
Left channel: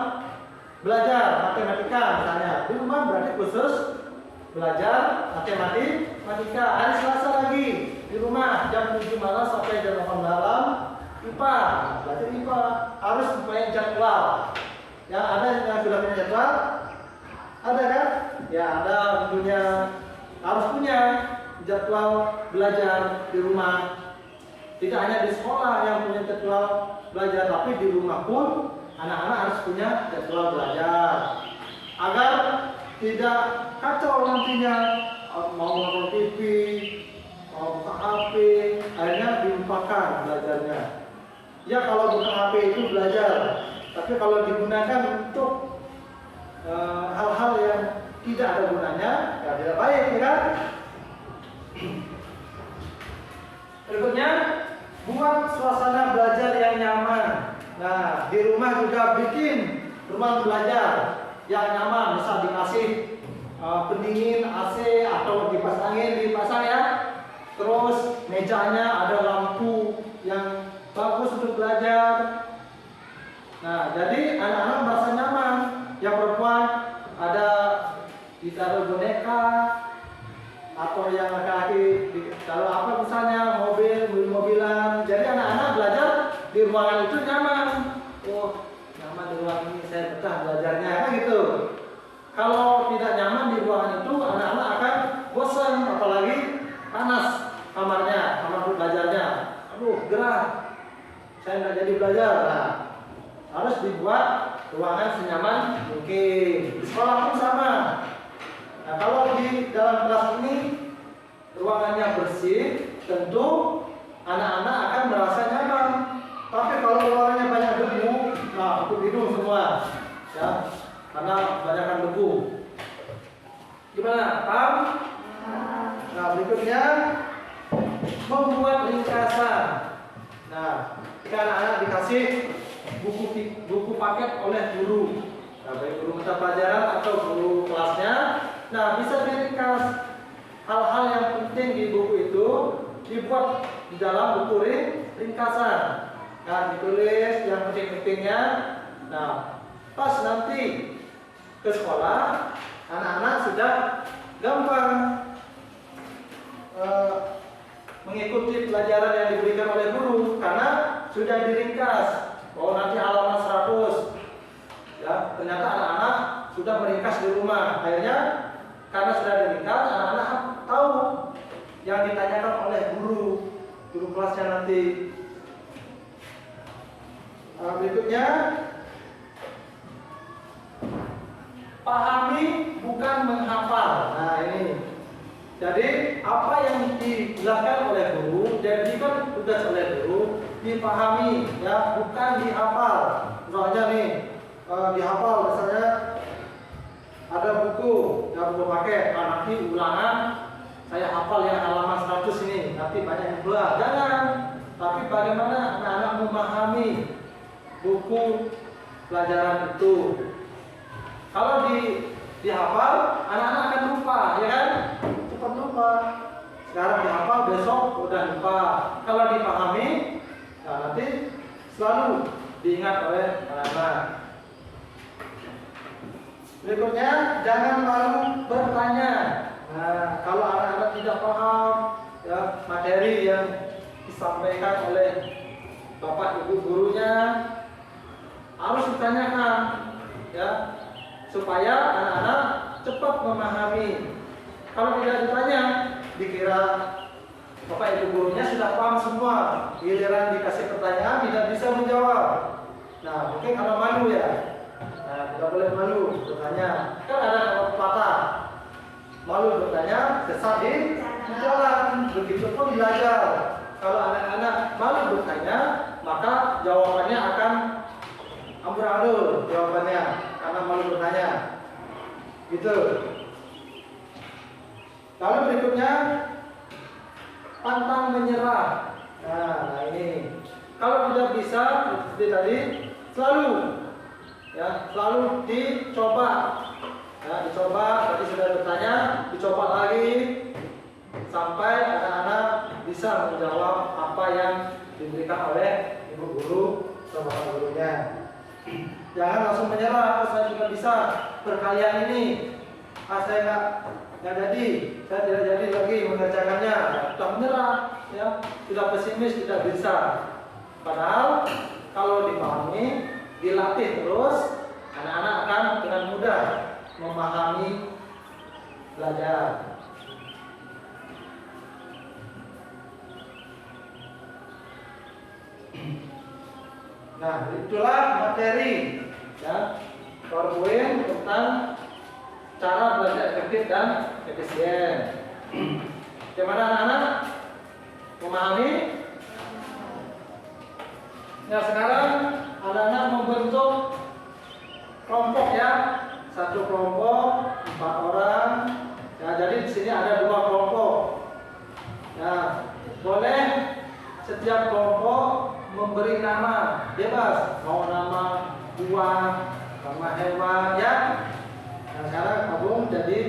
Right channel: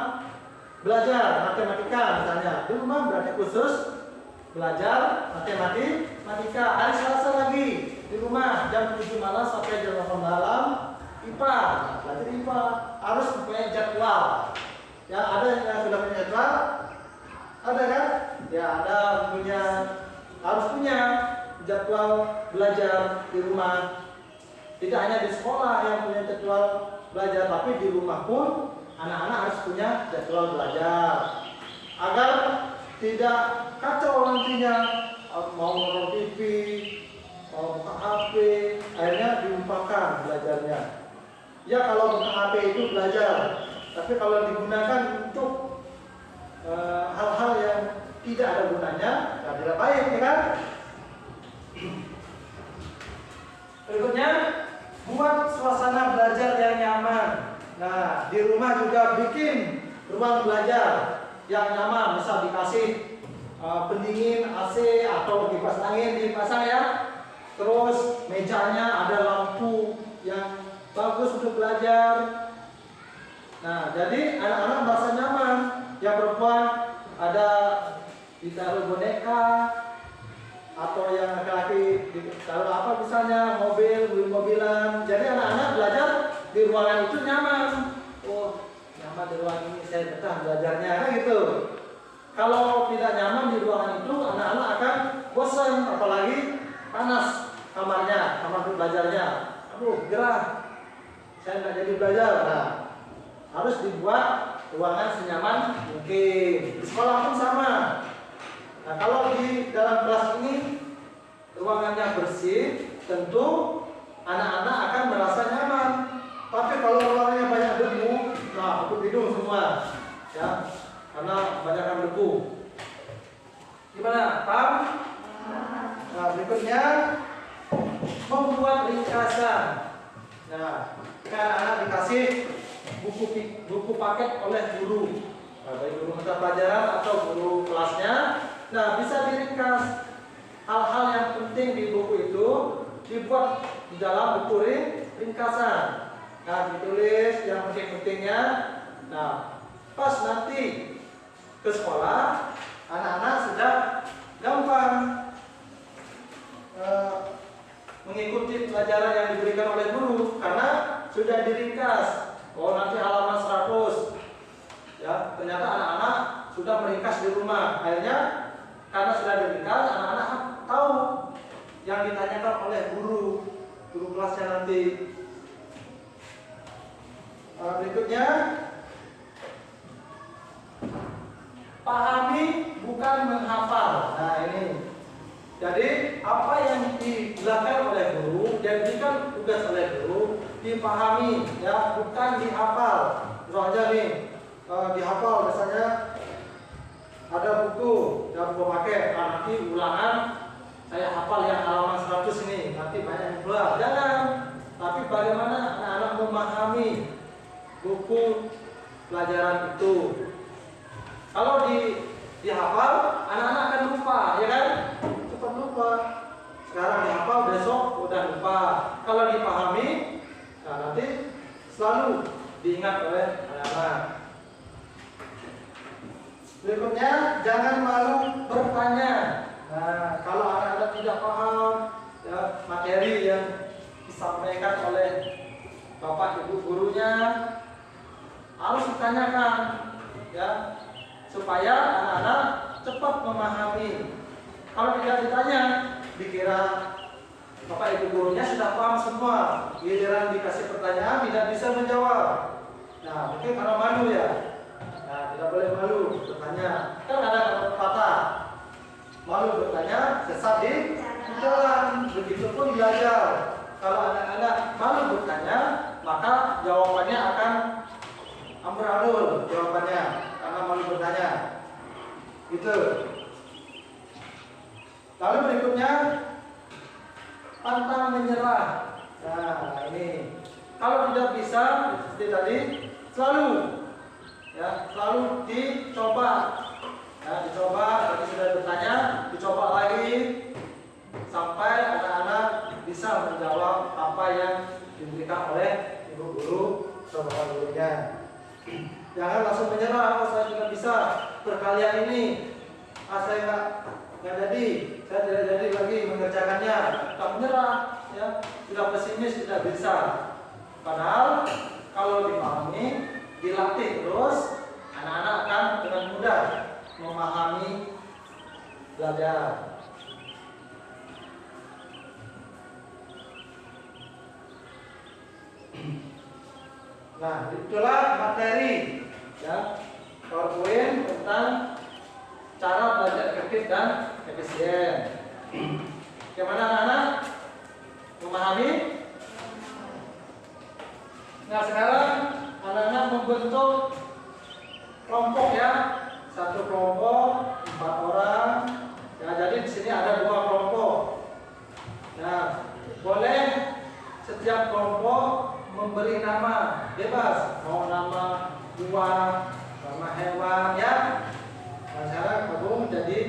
belajar matematika misalnya. Di rumah berarti khusus belajar matematika. Hari Selasa lagi di rumah jam 7 malam sampai jam 8 malam IPA. Belajar IPA harus punya jadwal. Ya, ada yang sudah punya jadwal? Ada kan? Ya, ada harus punya jadwal belajar di rumah. Tidak hanya di sekolah yang punya jadwal belajar, tapi di rumah pun anak-anak harus punya jadwal belajar. Agar tidak kacau nantinya, mau nonton TV, mau buka HP, akhirnya dilupakan belajarnya. Ya, kalau buka HP itu belajar, tapi kalau digunakan untuk hal-hal yang tidak ada gunanya, ya tidak baik, ya kan? Berikutnya, buat suasana belajar yang nyaman. Nah, di rumah juga bikin ruang belajar yang nyaman. Misal dikasih pendingin AC atau kipas angin dipasang ya. Terus mejanya ada lampu yang bagus untuk belajar. Nah, jadi anak-anak merasa nyaman. Yang perempuan ada ditaruh boneka, atau yang laki-laki ditaruh apa misalnya mobil-mobilan. Jadi anak-anak belajar di ruangan itu nyaman. Oh, nyaman di ruangan ini, saya betah belajarnya, kan gitu. Kalau tidak nyaman di ruangan itu, anak-anak akan bosan, apalagi panas kamarnya, kamar untuk belajarnya. Aduh, gerah, saya nggak jadi belajar. Nah, harus dibuat ruangan senyaman mungkin. Di sekolah pun sama. Nah, kalau di dalam kelas ini ruangannya bersih, tentu anak-anak akan merasa nyaman. Tapi kalau ruangannya banyak debu, nah ikut hidung semua, ya, karena banyakkan debu. Gimana? Paham? Nah, berikutnya membuat ringkasan. Nah, jika anak-anak dikasih buku paket oleh guru, nah, baik guru mata pelajaran atau guru kelasnya, nah bisa diringkas hal-hal yang penting di buku itu, dibuat di dalam buku ringkasan. Nah, ditulis yang penting-pentingnya. Nah, pas nanti ke sekolah, anak-anak sudah gampang mengikuti pelajaran yang diberikan oleh guru karena sudah diringkas. Oh, nanti halaman 100. Ya, ternyata anak-anak sudah meringkas di rumah. Akhirnya karena sudah diringkas, anak-anak tahu yang ditanyakan oleh guru kelasnya nanti. Berikutnya, pahami bukan menghafal. Nah, ini. Jadi apa yang dijelaskan oleh guru, jadikan tugas oleh guru, dipahami, ya, bukan dihafal. Misalnya nih, dihafal misalnya ada buku, ya buku paket, nanti ulangan saya hafal yang halaman 100 ini, nanti banyak yang keluar. Jangan. Tapi bagaimana anak-anak memahami buku pelajaran itu? Kalau dihafal, anak-anak akan lupa, ya kan? Cepat lupa. Sekarang dihafal, besok udah lupa. Kalau dipahami, nah nanti selalu diingat oleh anak-anak. Berikutnya, jangan malu bertanya. Nah, kalau anak-anak tidak paham, ya, materi yang disampaikan oleh bapak ibu gurunya, harus ditanyakan, ya. supaya anak-anak cepat memahami. Kalau tidak ditanya, dikira Bapak Ibu gurunya sudah paham semua. Giliran dikasih pertanyaan tidak bisa menjawab. Nah, mungkin karena malu ya. Nah, tidak boleh malu bertanya. Kan ada pepatah, malu bertanya, sesat di jalan. Begitupun belajar. Kalau anak-anak malu bertanya, maka jawabannya akan amburadul jawabannya karena malu bertanya. Gitu. Lalu berikutnya pantang menyerah. Nah, ini kalau tidak bisa seperti tadi, selalu dicoba. Ya, dicoba. Tadi sudah bertanya, dicoba lagi sampai anak-anak bisa menjawab apa yang diberikan oleh ibu guru atau bapak gurunya. Jangan langsung menyerah. Oh, saya juga bisa perkalian ini. Saya nggak jadi, saya tidak jadi lagi mengerjakannya. Tidak menyerah, ya, tidak pesimis, tidak bisa. Padahal kalau dipahami, dilatih terus, anak-anak akan dengan mudah memahami belajar. Nah, itulah materi, ya, PowerPoint tentang cara belajar efektif dan efisien. Bagaimana anak-anak? Memahami? Nah, sekarang anak-anak membentuk kelompok, ya. Satu kelompok 4 orang. Ya, jadi di sini ada 2 kelompok. Nah, boleh setiap kelompok memberi nama, bebas, mau nama buah, nama hewan, ya. Nah, sekarang kamu jadi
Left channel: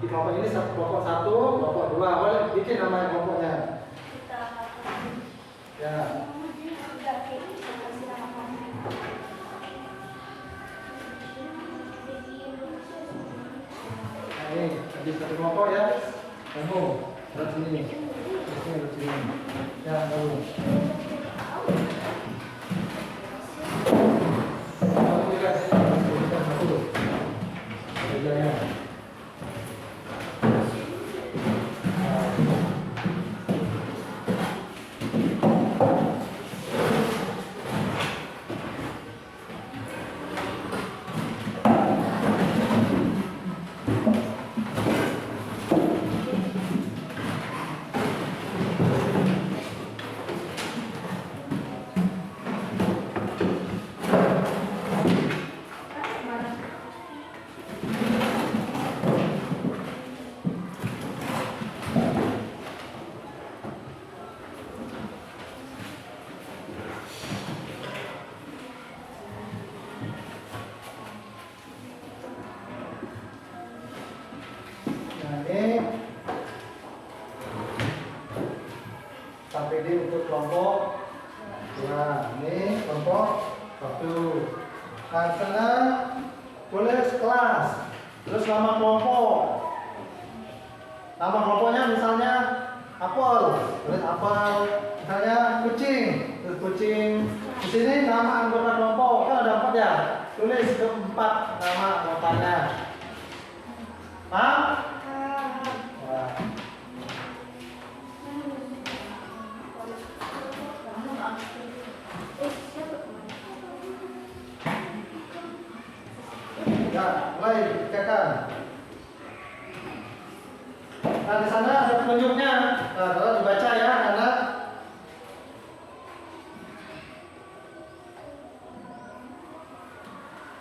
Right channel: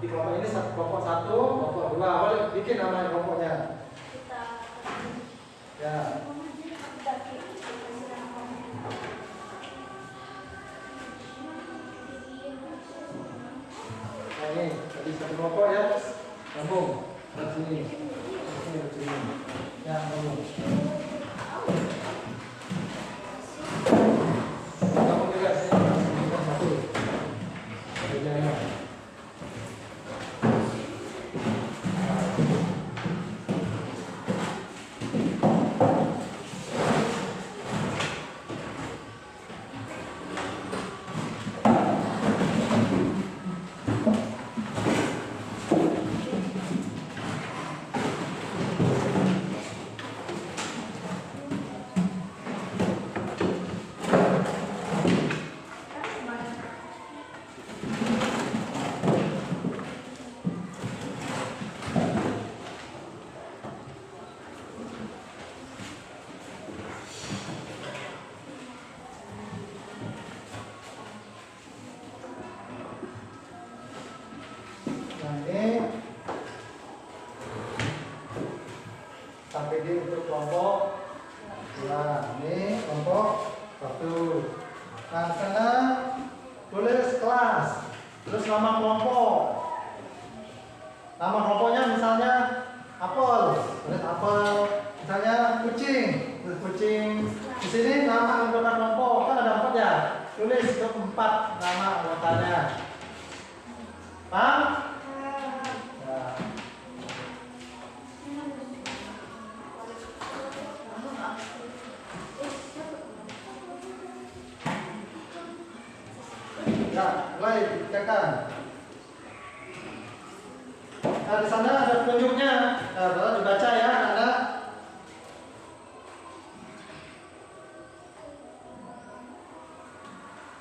di kelompok ini kelompok 1, kelompok 2, boleh bikin nama kelompoknya. Ya. Nah, ini jadi satu kelompok, ya. Kamu dari sini, dari sini. Ya, kamu. KPD untuk kelompok. Nah, ini kelompok 1. Nah, sana boleh kelas. Terus nama kelompok. Nama kelompoknya misalnya apel, tulis apel. Misalnya kucing, terus kucing. Di sini nama anggota kelompok kan ada 4, ya. Tulis ke-4 nama anggotanya. Paham? Nah. Ya, mulai dikatakan. Nah, di sana ada petunjuknya. Nah, tolong dibaca, ya, anak.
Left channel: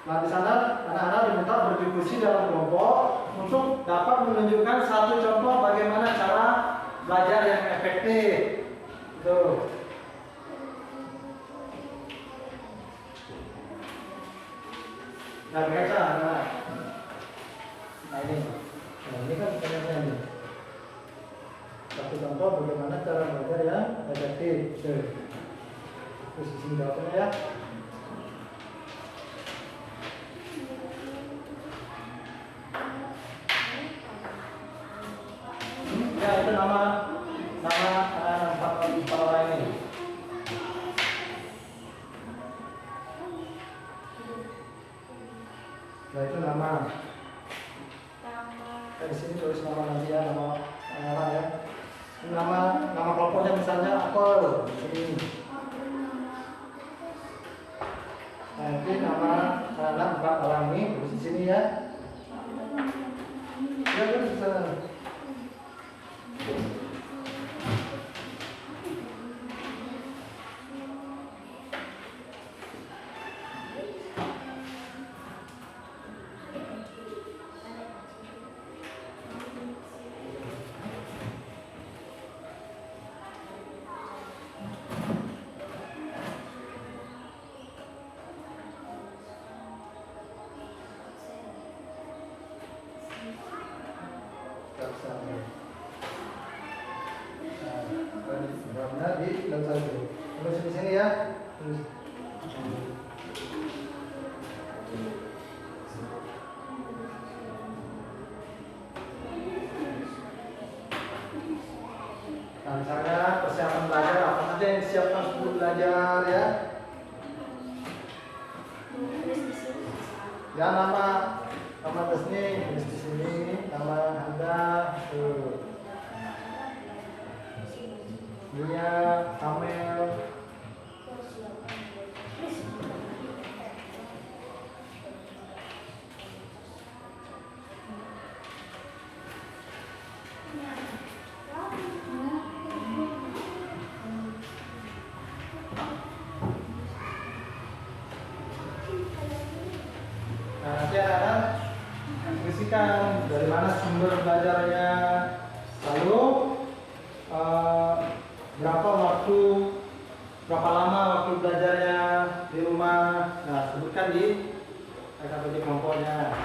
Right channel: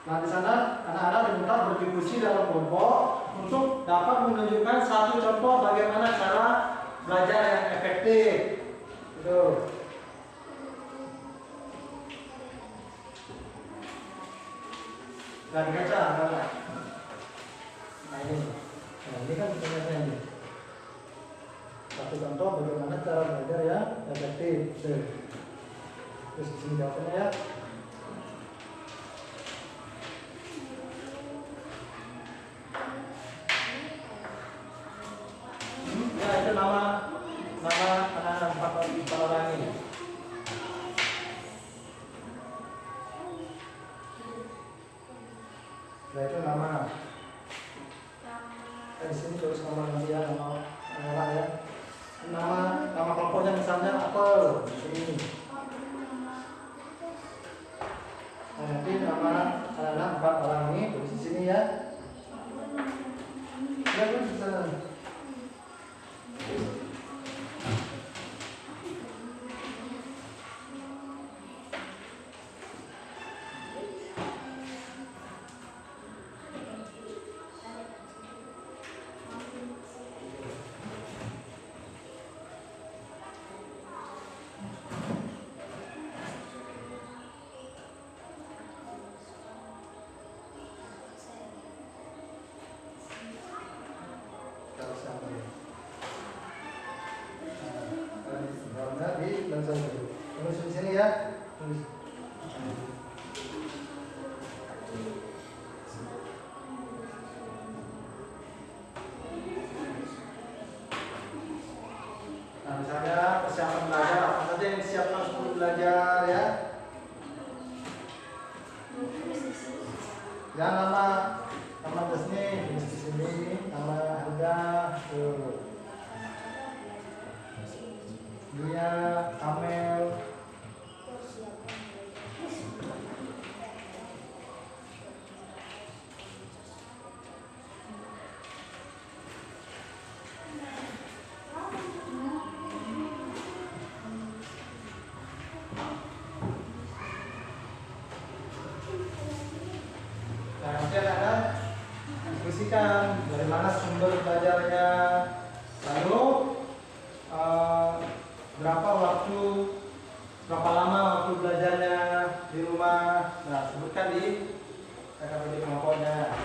Nah, di sana anak-anak diminta berdiskusi dalam kelompok untuk dapat menunjukkan satu contoh bagaimana cara belajar yang efektif. Gitu. Nah, dibaca, anak-anak. Nah, ini. Nah, ini kan pertanyaannya ini. Satu contoh bagaimana cara belajar yang efektif. Terus di sini jawabnya, ya. Ya, itu nama anak-anak 4 orang ini. Nah, itu nama nama. Nama. Di sini tulis nama nanti ya, nama anak ya. Nama kelompoknya misalnya apel di sini. Nah, nanti nama anak 4 orang ini tulis di sini ya. Ya tulis di sana. Tulis di sini ya. Tulis. Nah, misalnya persiapan belajar apa saja yang disiapkan sebelum belajar ya. Ya nama Desni tulis di sini, nama Anda Dunia Amel. Nah, nanti anak-anak diskusikan dari mana sumber belajarnya, lalu berapa lama waktu belajarnya di rumah. Nah, sebutkan di KKBD kelompoknya.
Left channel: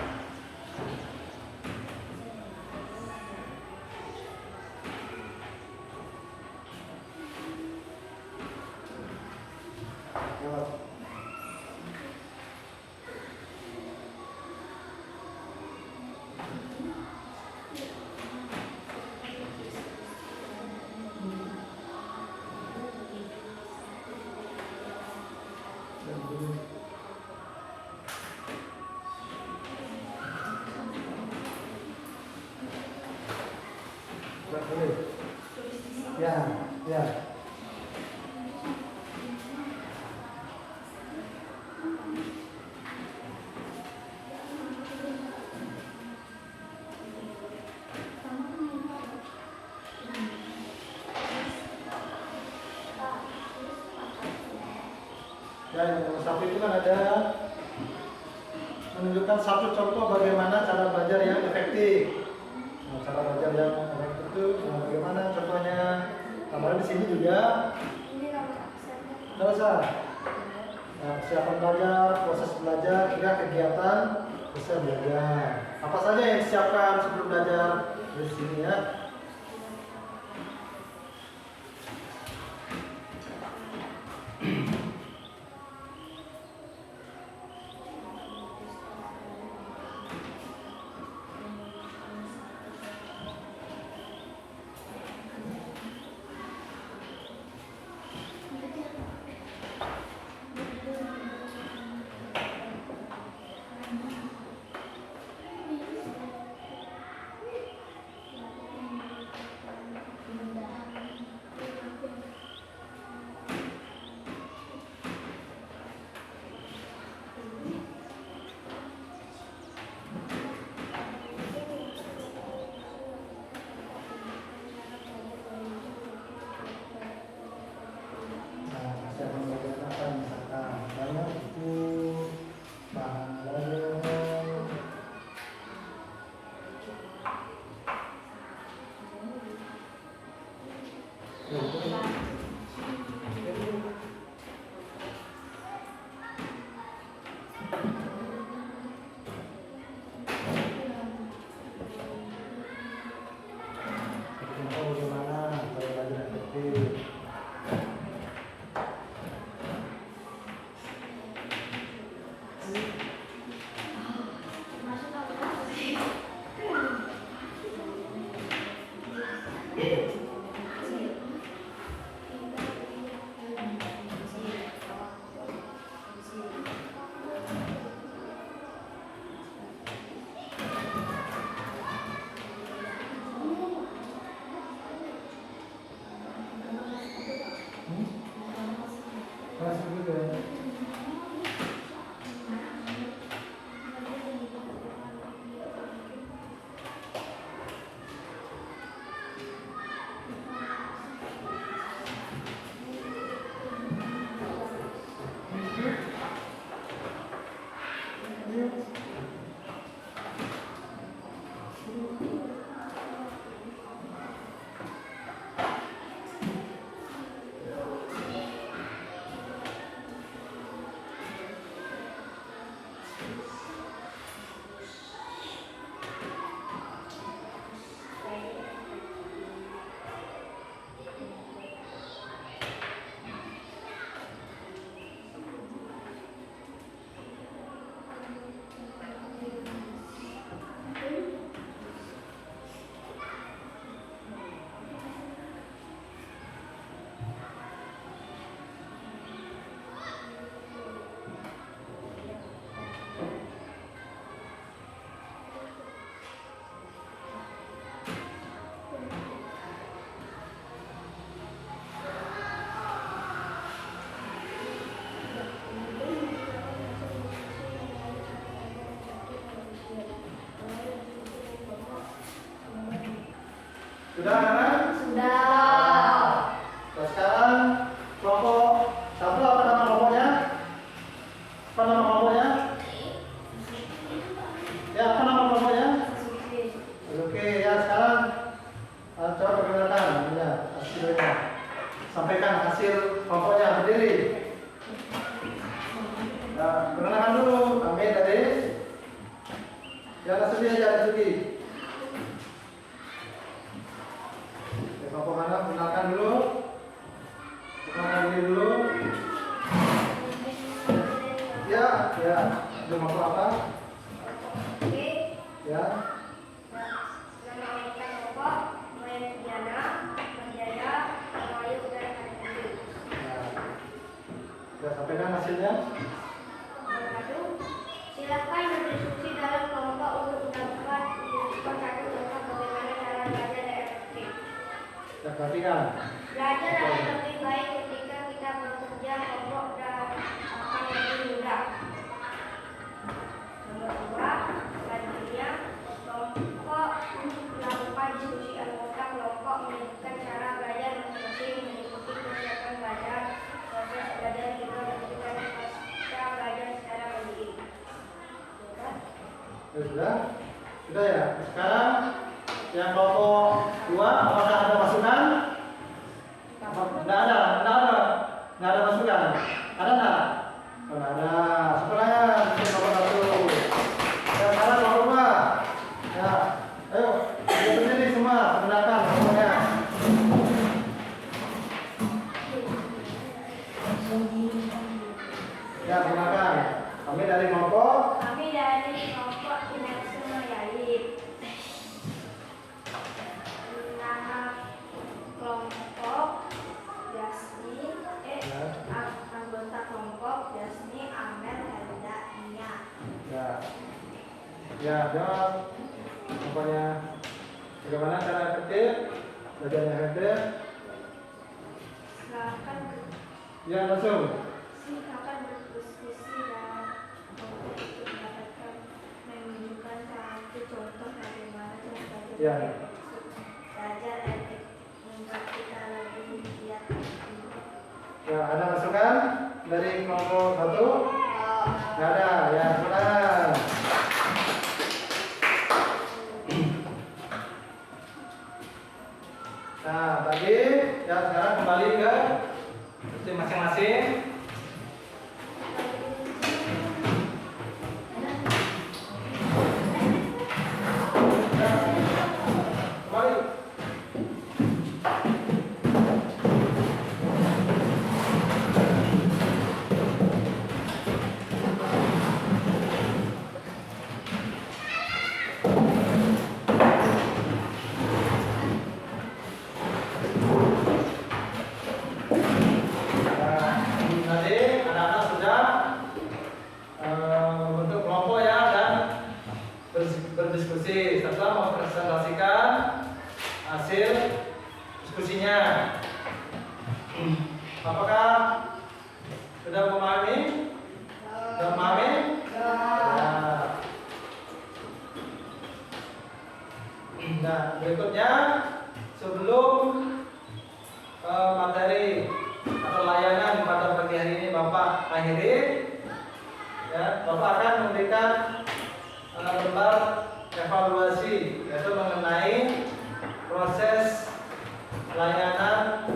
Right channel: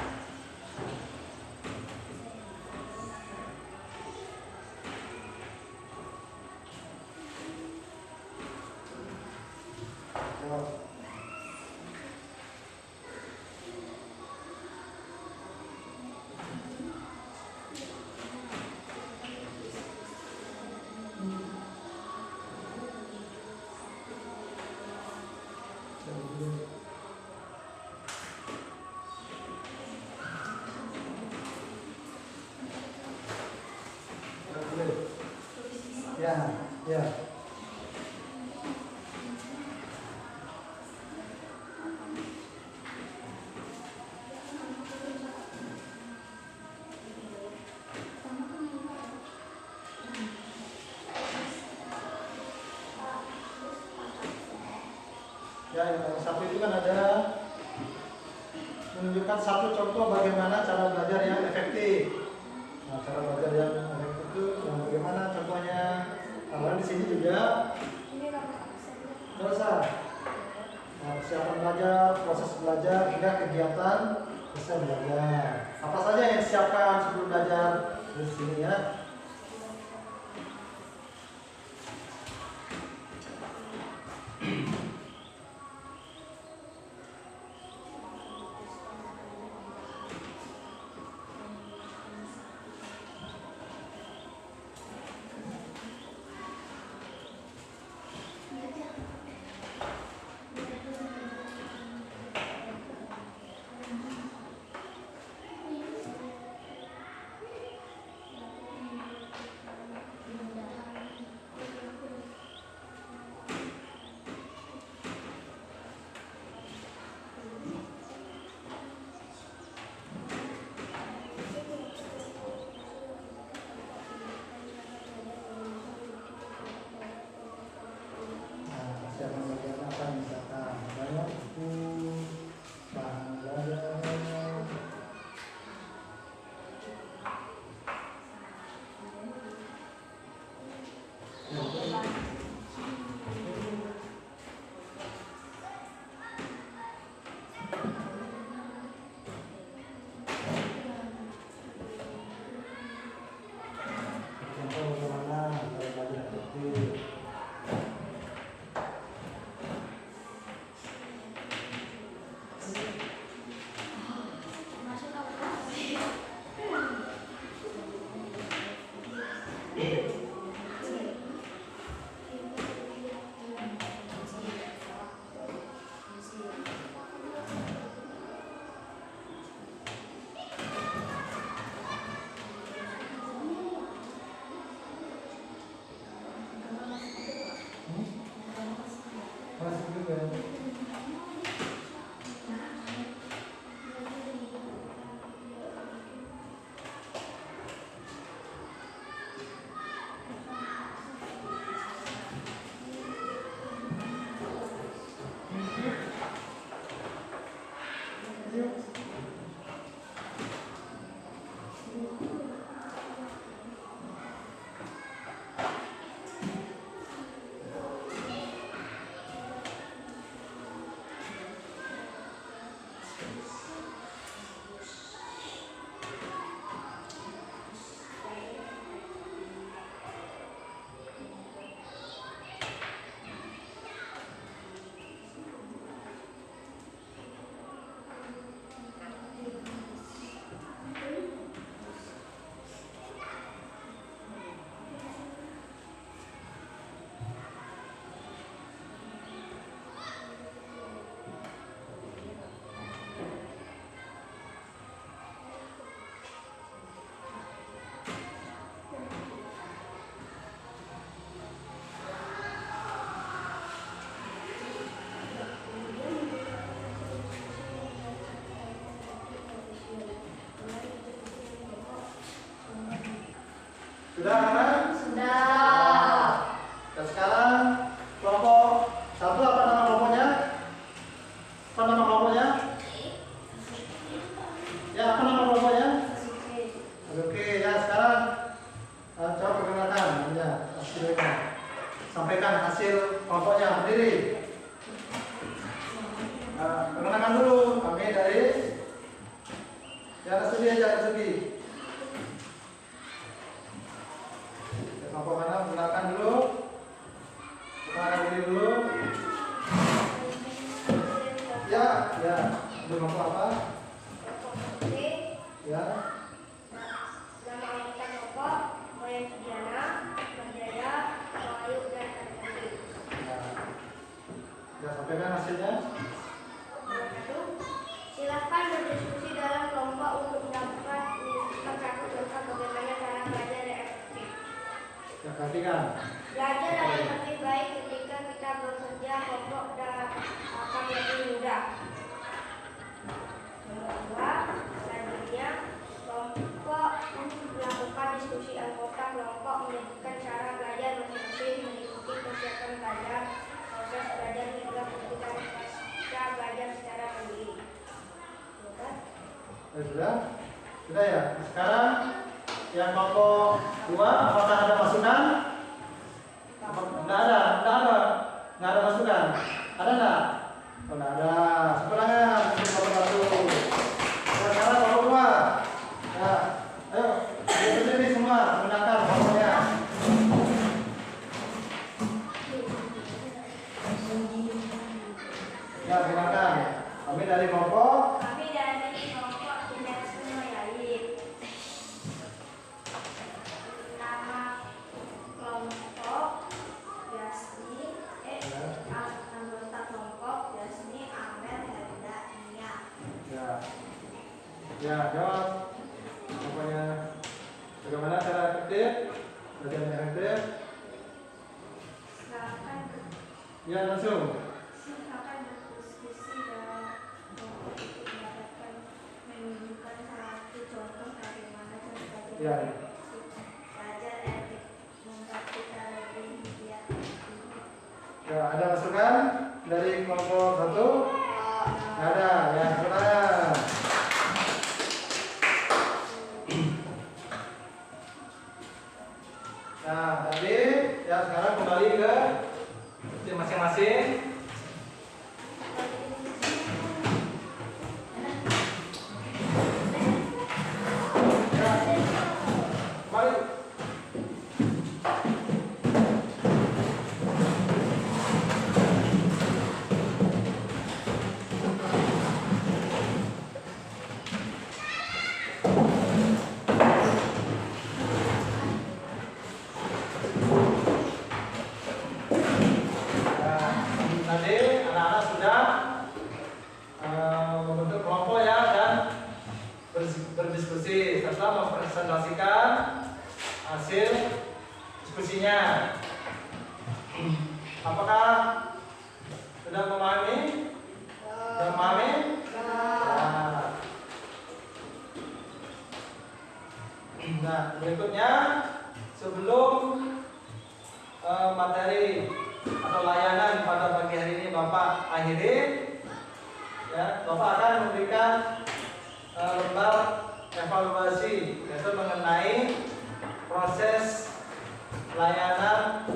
Ya. Ya, yang satu itu kan ada menunjukkan satu contoh bagaimana cara belajar yang efektif. Nah, cara belajar yang efektif itu yang bagaimana contohnya? Kemarin di sini juga. Tidak usah. Nah, persiapan belajar, proses belajar, hingga kegiatan selesai belajar. Apa saja yang disiapkan sebelum belajar di sini ya? Sudah kan? Sudah. Dan sekarang kelompok satu apa nama kelompoknya? Apa nama kelompoknya? Ya, apa nama kelompoknya? Oke, ya sekarang coba perkenalkan ya hasilnya. Sampaikan hasil kelompoknya berdiri. Nah, perkenalkan dulu kami dari Tiara Sugi aja Sugi. Kelompok mana? Perkenalkan dulu. Perkenalkan diri dulu. Ya, ya. Itu kelompok apa? Ya. Nama anggota kelompok Moyang Diana, Berjaya, Melayu, dan Andri. Ya, sampaikan hasilnya. Silakan berdiskusi dalam kelompok untuk menunjukkan satu contoh bagaimana cara belajar yang efektif. Ya, perhatikan. Belajar akan lebih baik ketika kita bekerja kelompok dan akan lebih mudah. Nomor 2, selanjutnya kelompok untuk melakukan diskusi anggota kelompok menyebutkan cara belajar masing-masing mengikuti persiapan belajar, proses belajar hingga menentukan pasca belajar secara mandiri. Ya, sudah ya. Sekarang yang kelompok 2 apakah ada masukan? Nggak ada masukan. Ada nggak? Oh, nggak ada. Sebenarnya kelompok 1. Dan sekarang kelompok 2. Ya, ayo berdiri semua menggunakan kelompoknya. Ya, gunakan. Kami dari kelompok. Kami dari kelompok Kinetisme Yaib. Nama kelompok Yasmi, anggota kelompok Yasmi, Amel, Helda, Nia. Ya. Ya, jawab. Pokoknya bagaimana cara efektif? Belajar yang efektif? Silakan Ya, langsung. berdiskusi dalam kelompok untuk mendapatkan menunjukkan satu contoh bagaimana cara belajar Ya. belajar efektif membuat kita lebih giat. Ya, ada masukan dari kelompok 1? Nggak ada. Ya, sudah. Nah, tadi ya sekarang kembali ke tim masing-masing. Ya, kembali. Tadi anak-anak sudah membentuk kelompok ya dan berdiskusi setelah mempresentasikan hasil diskusinya. Apakah sudah memahami? Sudah memahami? Nah, berikutnya sebelum materi atau layanan pada pagi hari ini Bapak akhiri, ya, Bapak akan memberikan lembar evaluasi yaitu mengenai proses layanan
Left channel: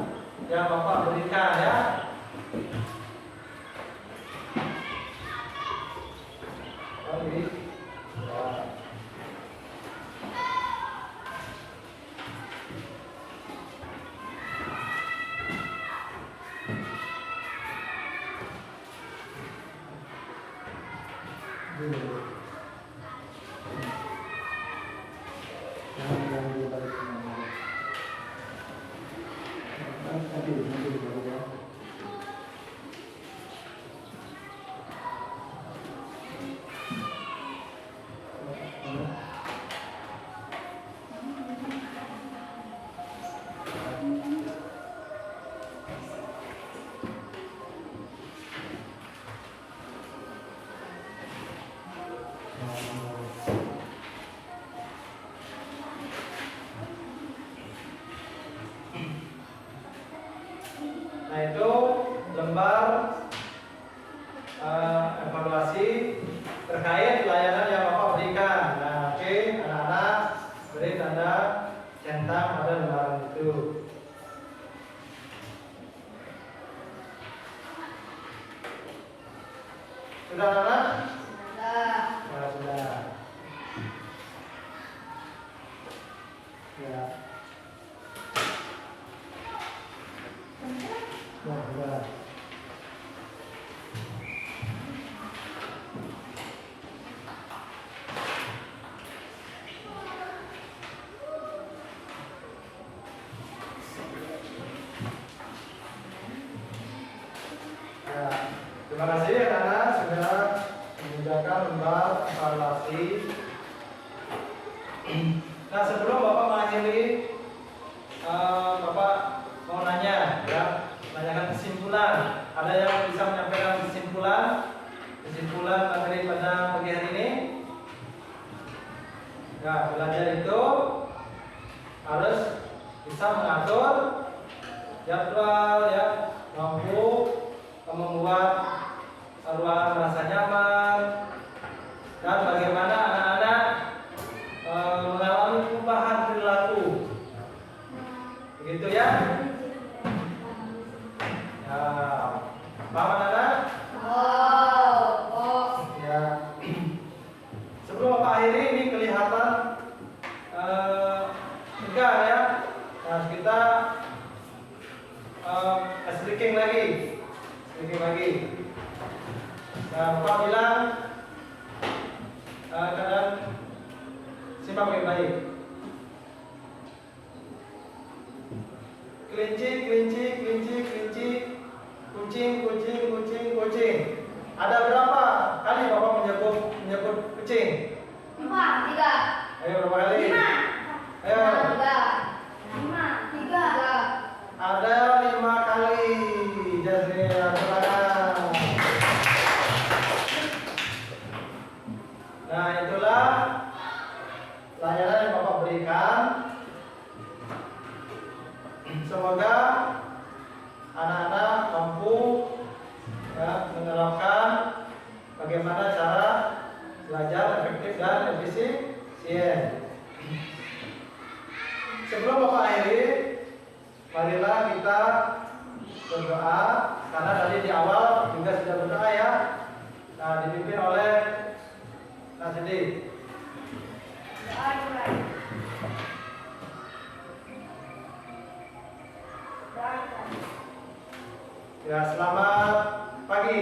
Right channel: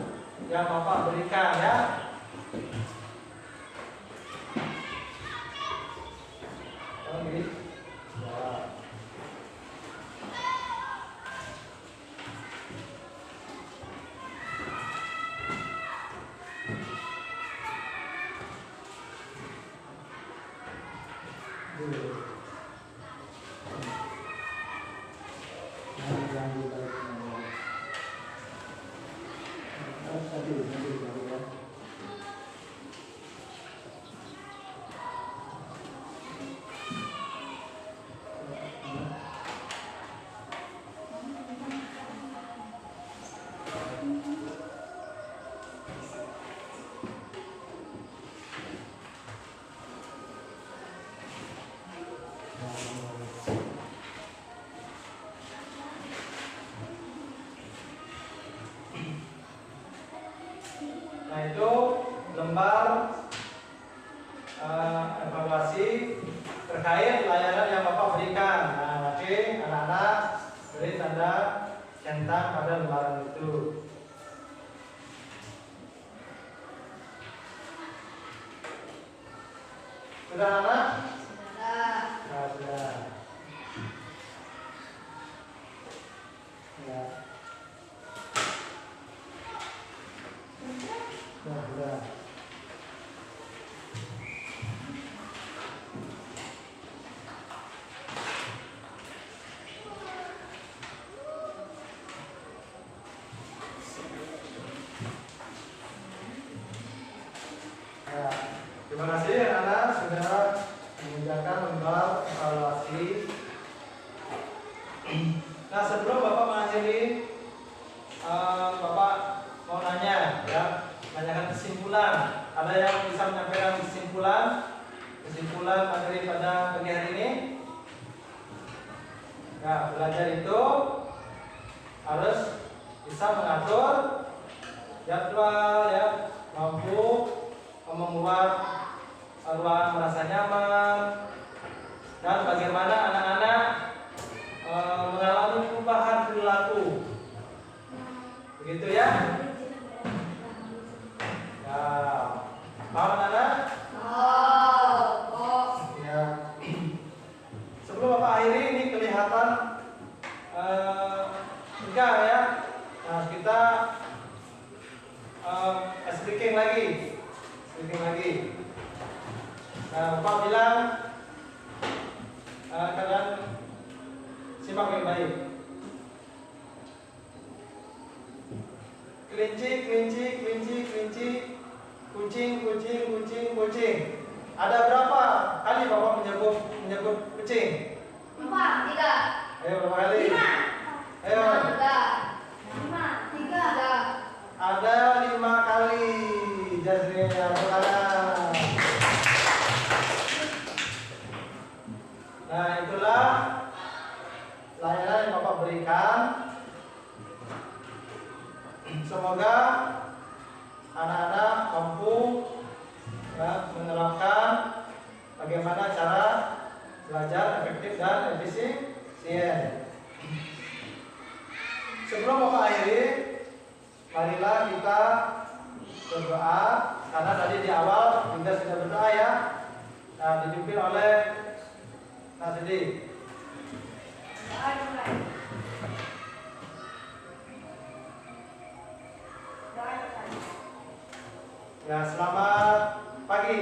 yang Bapak berikan ya. beri tanda centang pada lembaran itu. Sudah anak? Sudah. Ya, sudah. Ya. Ya, sudah. Ya, terima kasih anak-anak sudah mengerjakan lembar evaluasi. Nah, sebelum Bapak mengakhiri, Bapak mau nanya, ya, menanyakan kesimpulan. Ada yang bisa menyampaikan kesimpulan materi pada pagi hari ini? Ya, belajar itu harus bisa mengatur jadwal, ya, mampu membuat ruangan merasa nyaman, dan bagaimana anak-anak mengalami perubahan perilaku. Begitu ya? Ya, paham anak-anak? Ya. Sebelum Bapak akhiri, ini kelihatan enggak ya? Nah, kita speaking lagi. Nah, Bapak bilang kalian simak baik-baik. Kelinci, kucing. Ada berapa kali Bapak menyebut kucing? 4, 3. Ayo berapa kali? 5. Ayo. 5, 3. Ada 5 kali. Jazria, silakan. Nah, itulah layanan yang Bapak berikan. Semoga anak-anak mampu, ya, menerapkan bagaimana cara belajar efektif dan efisien. Sebelum Bapak akhiri, marilah kita berdoa, karena tadi di awal juga sudah berdoa ya. Nah, dipimpin oleh Nasidi. Ya, selamat pagi.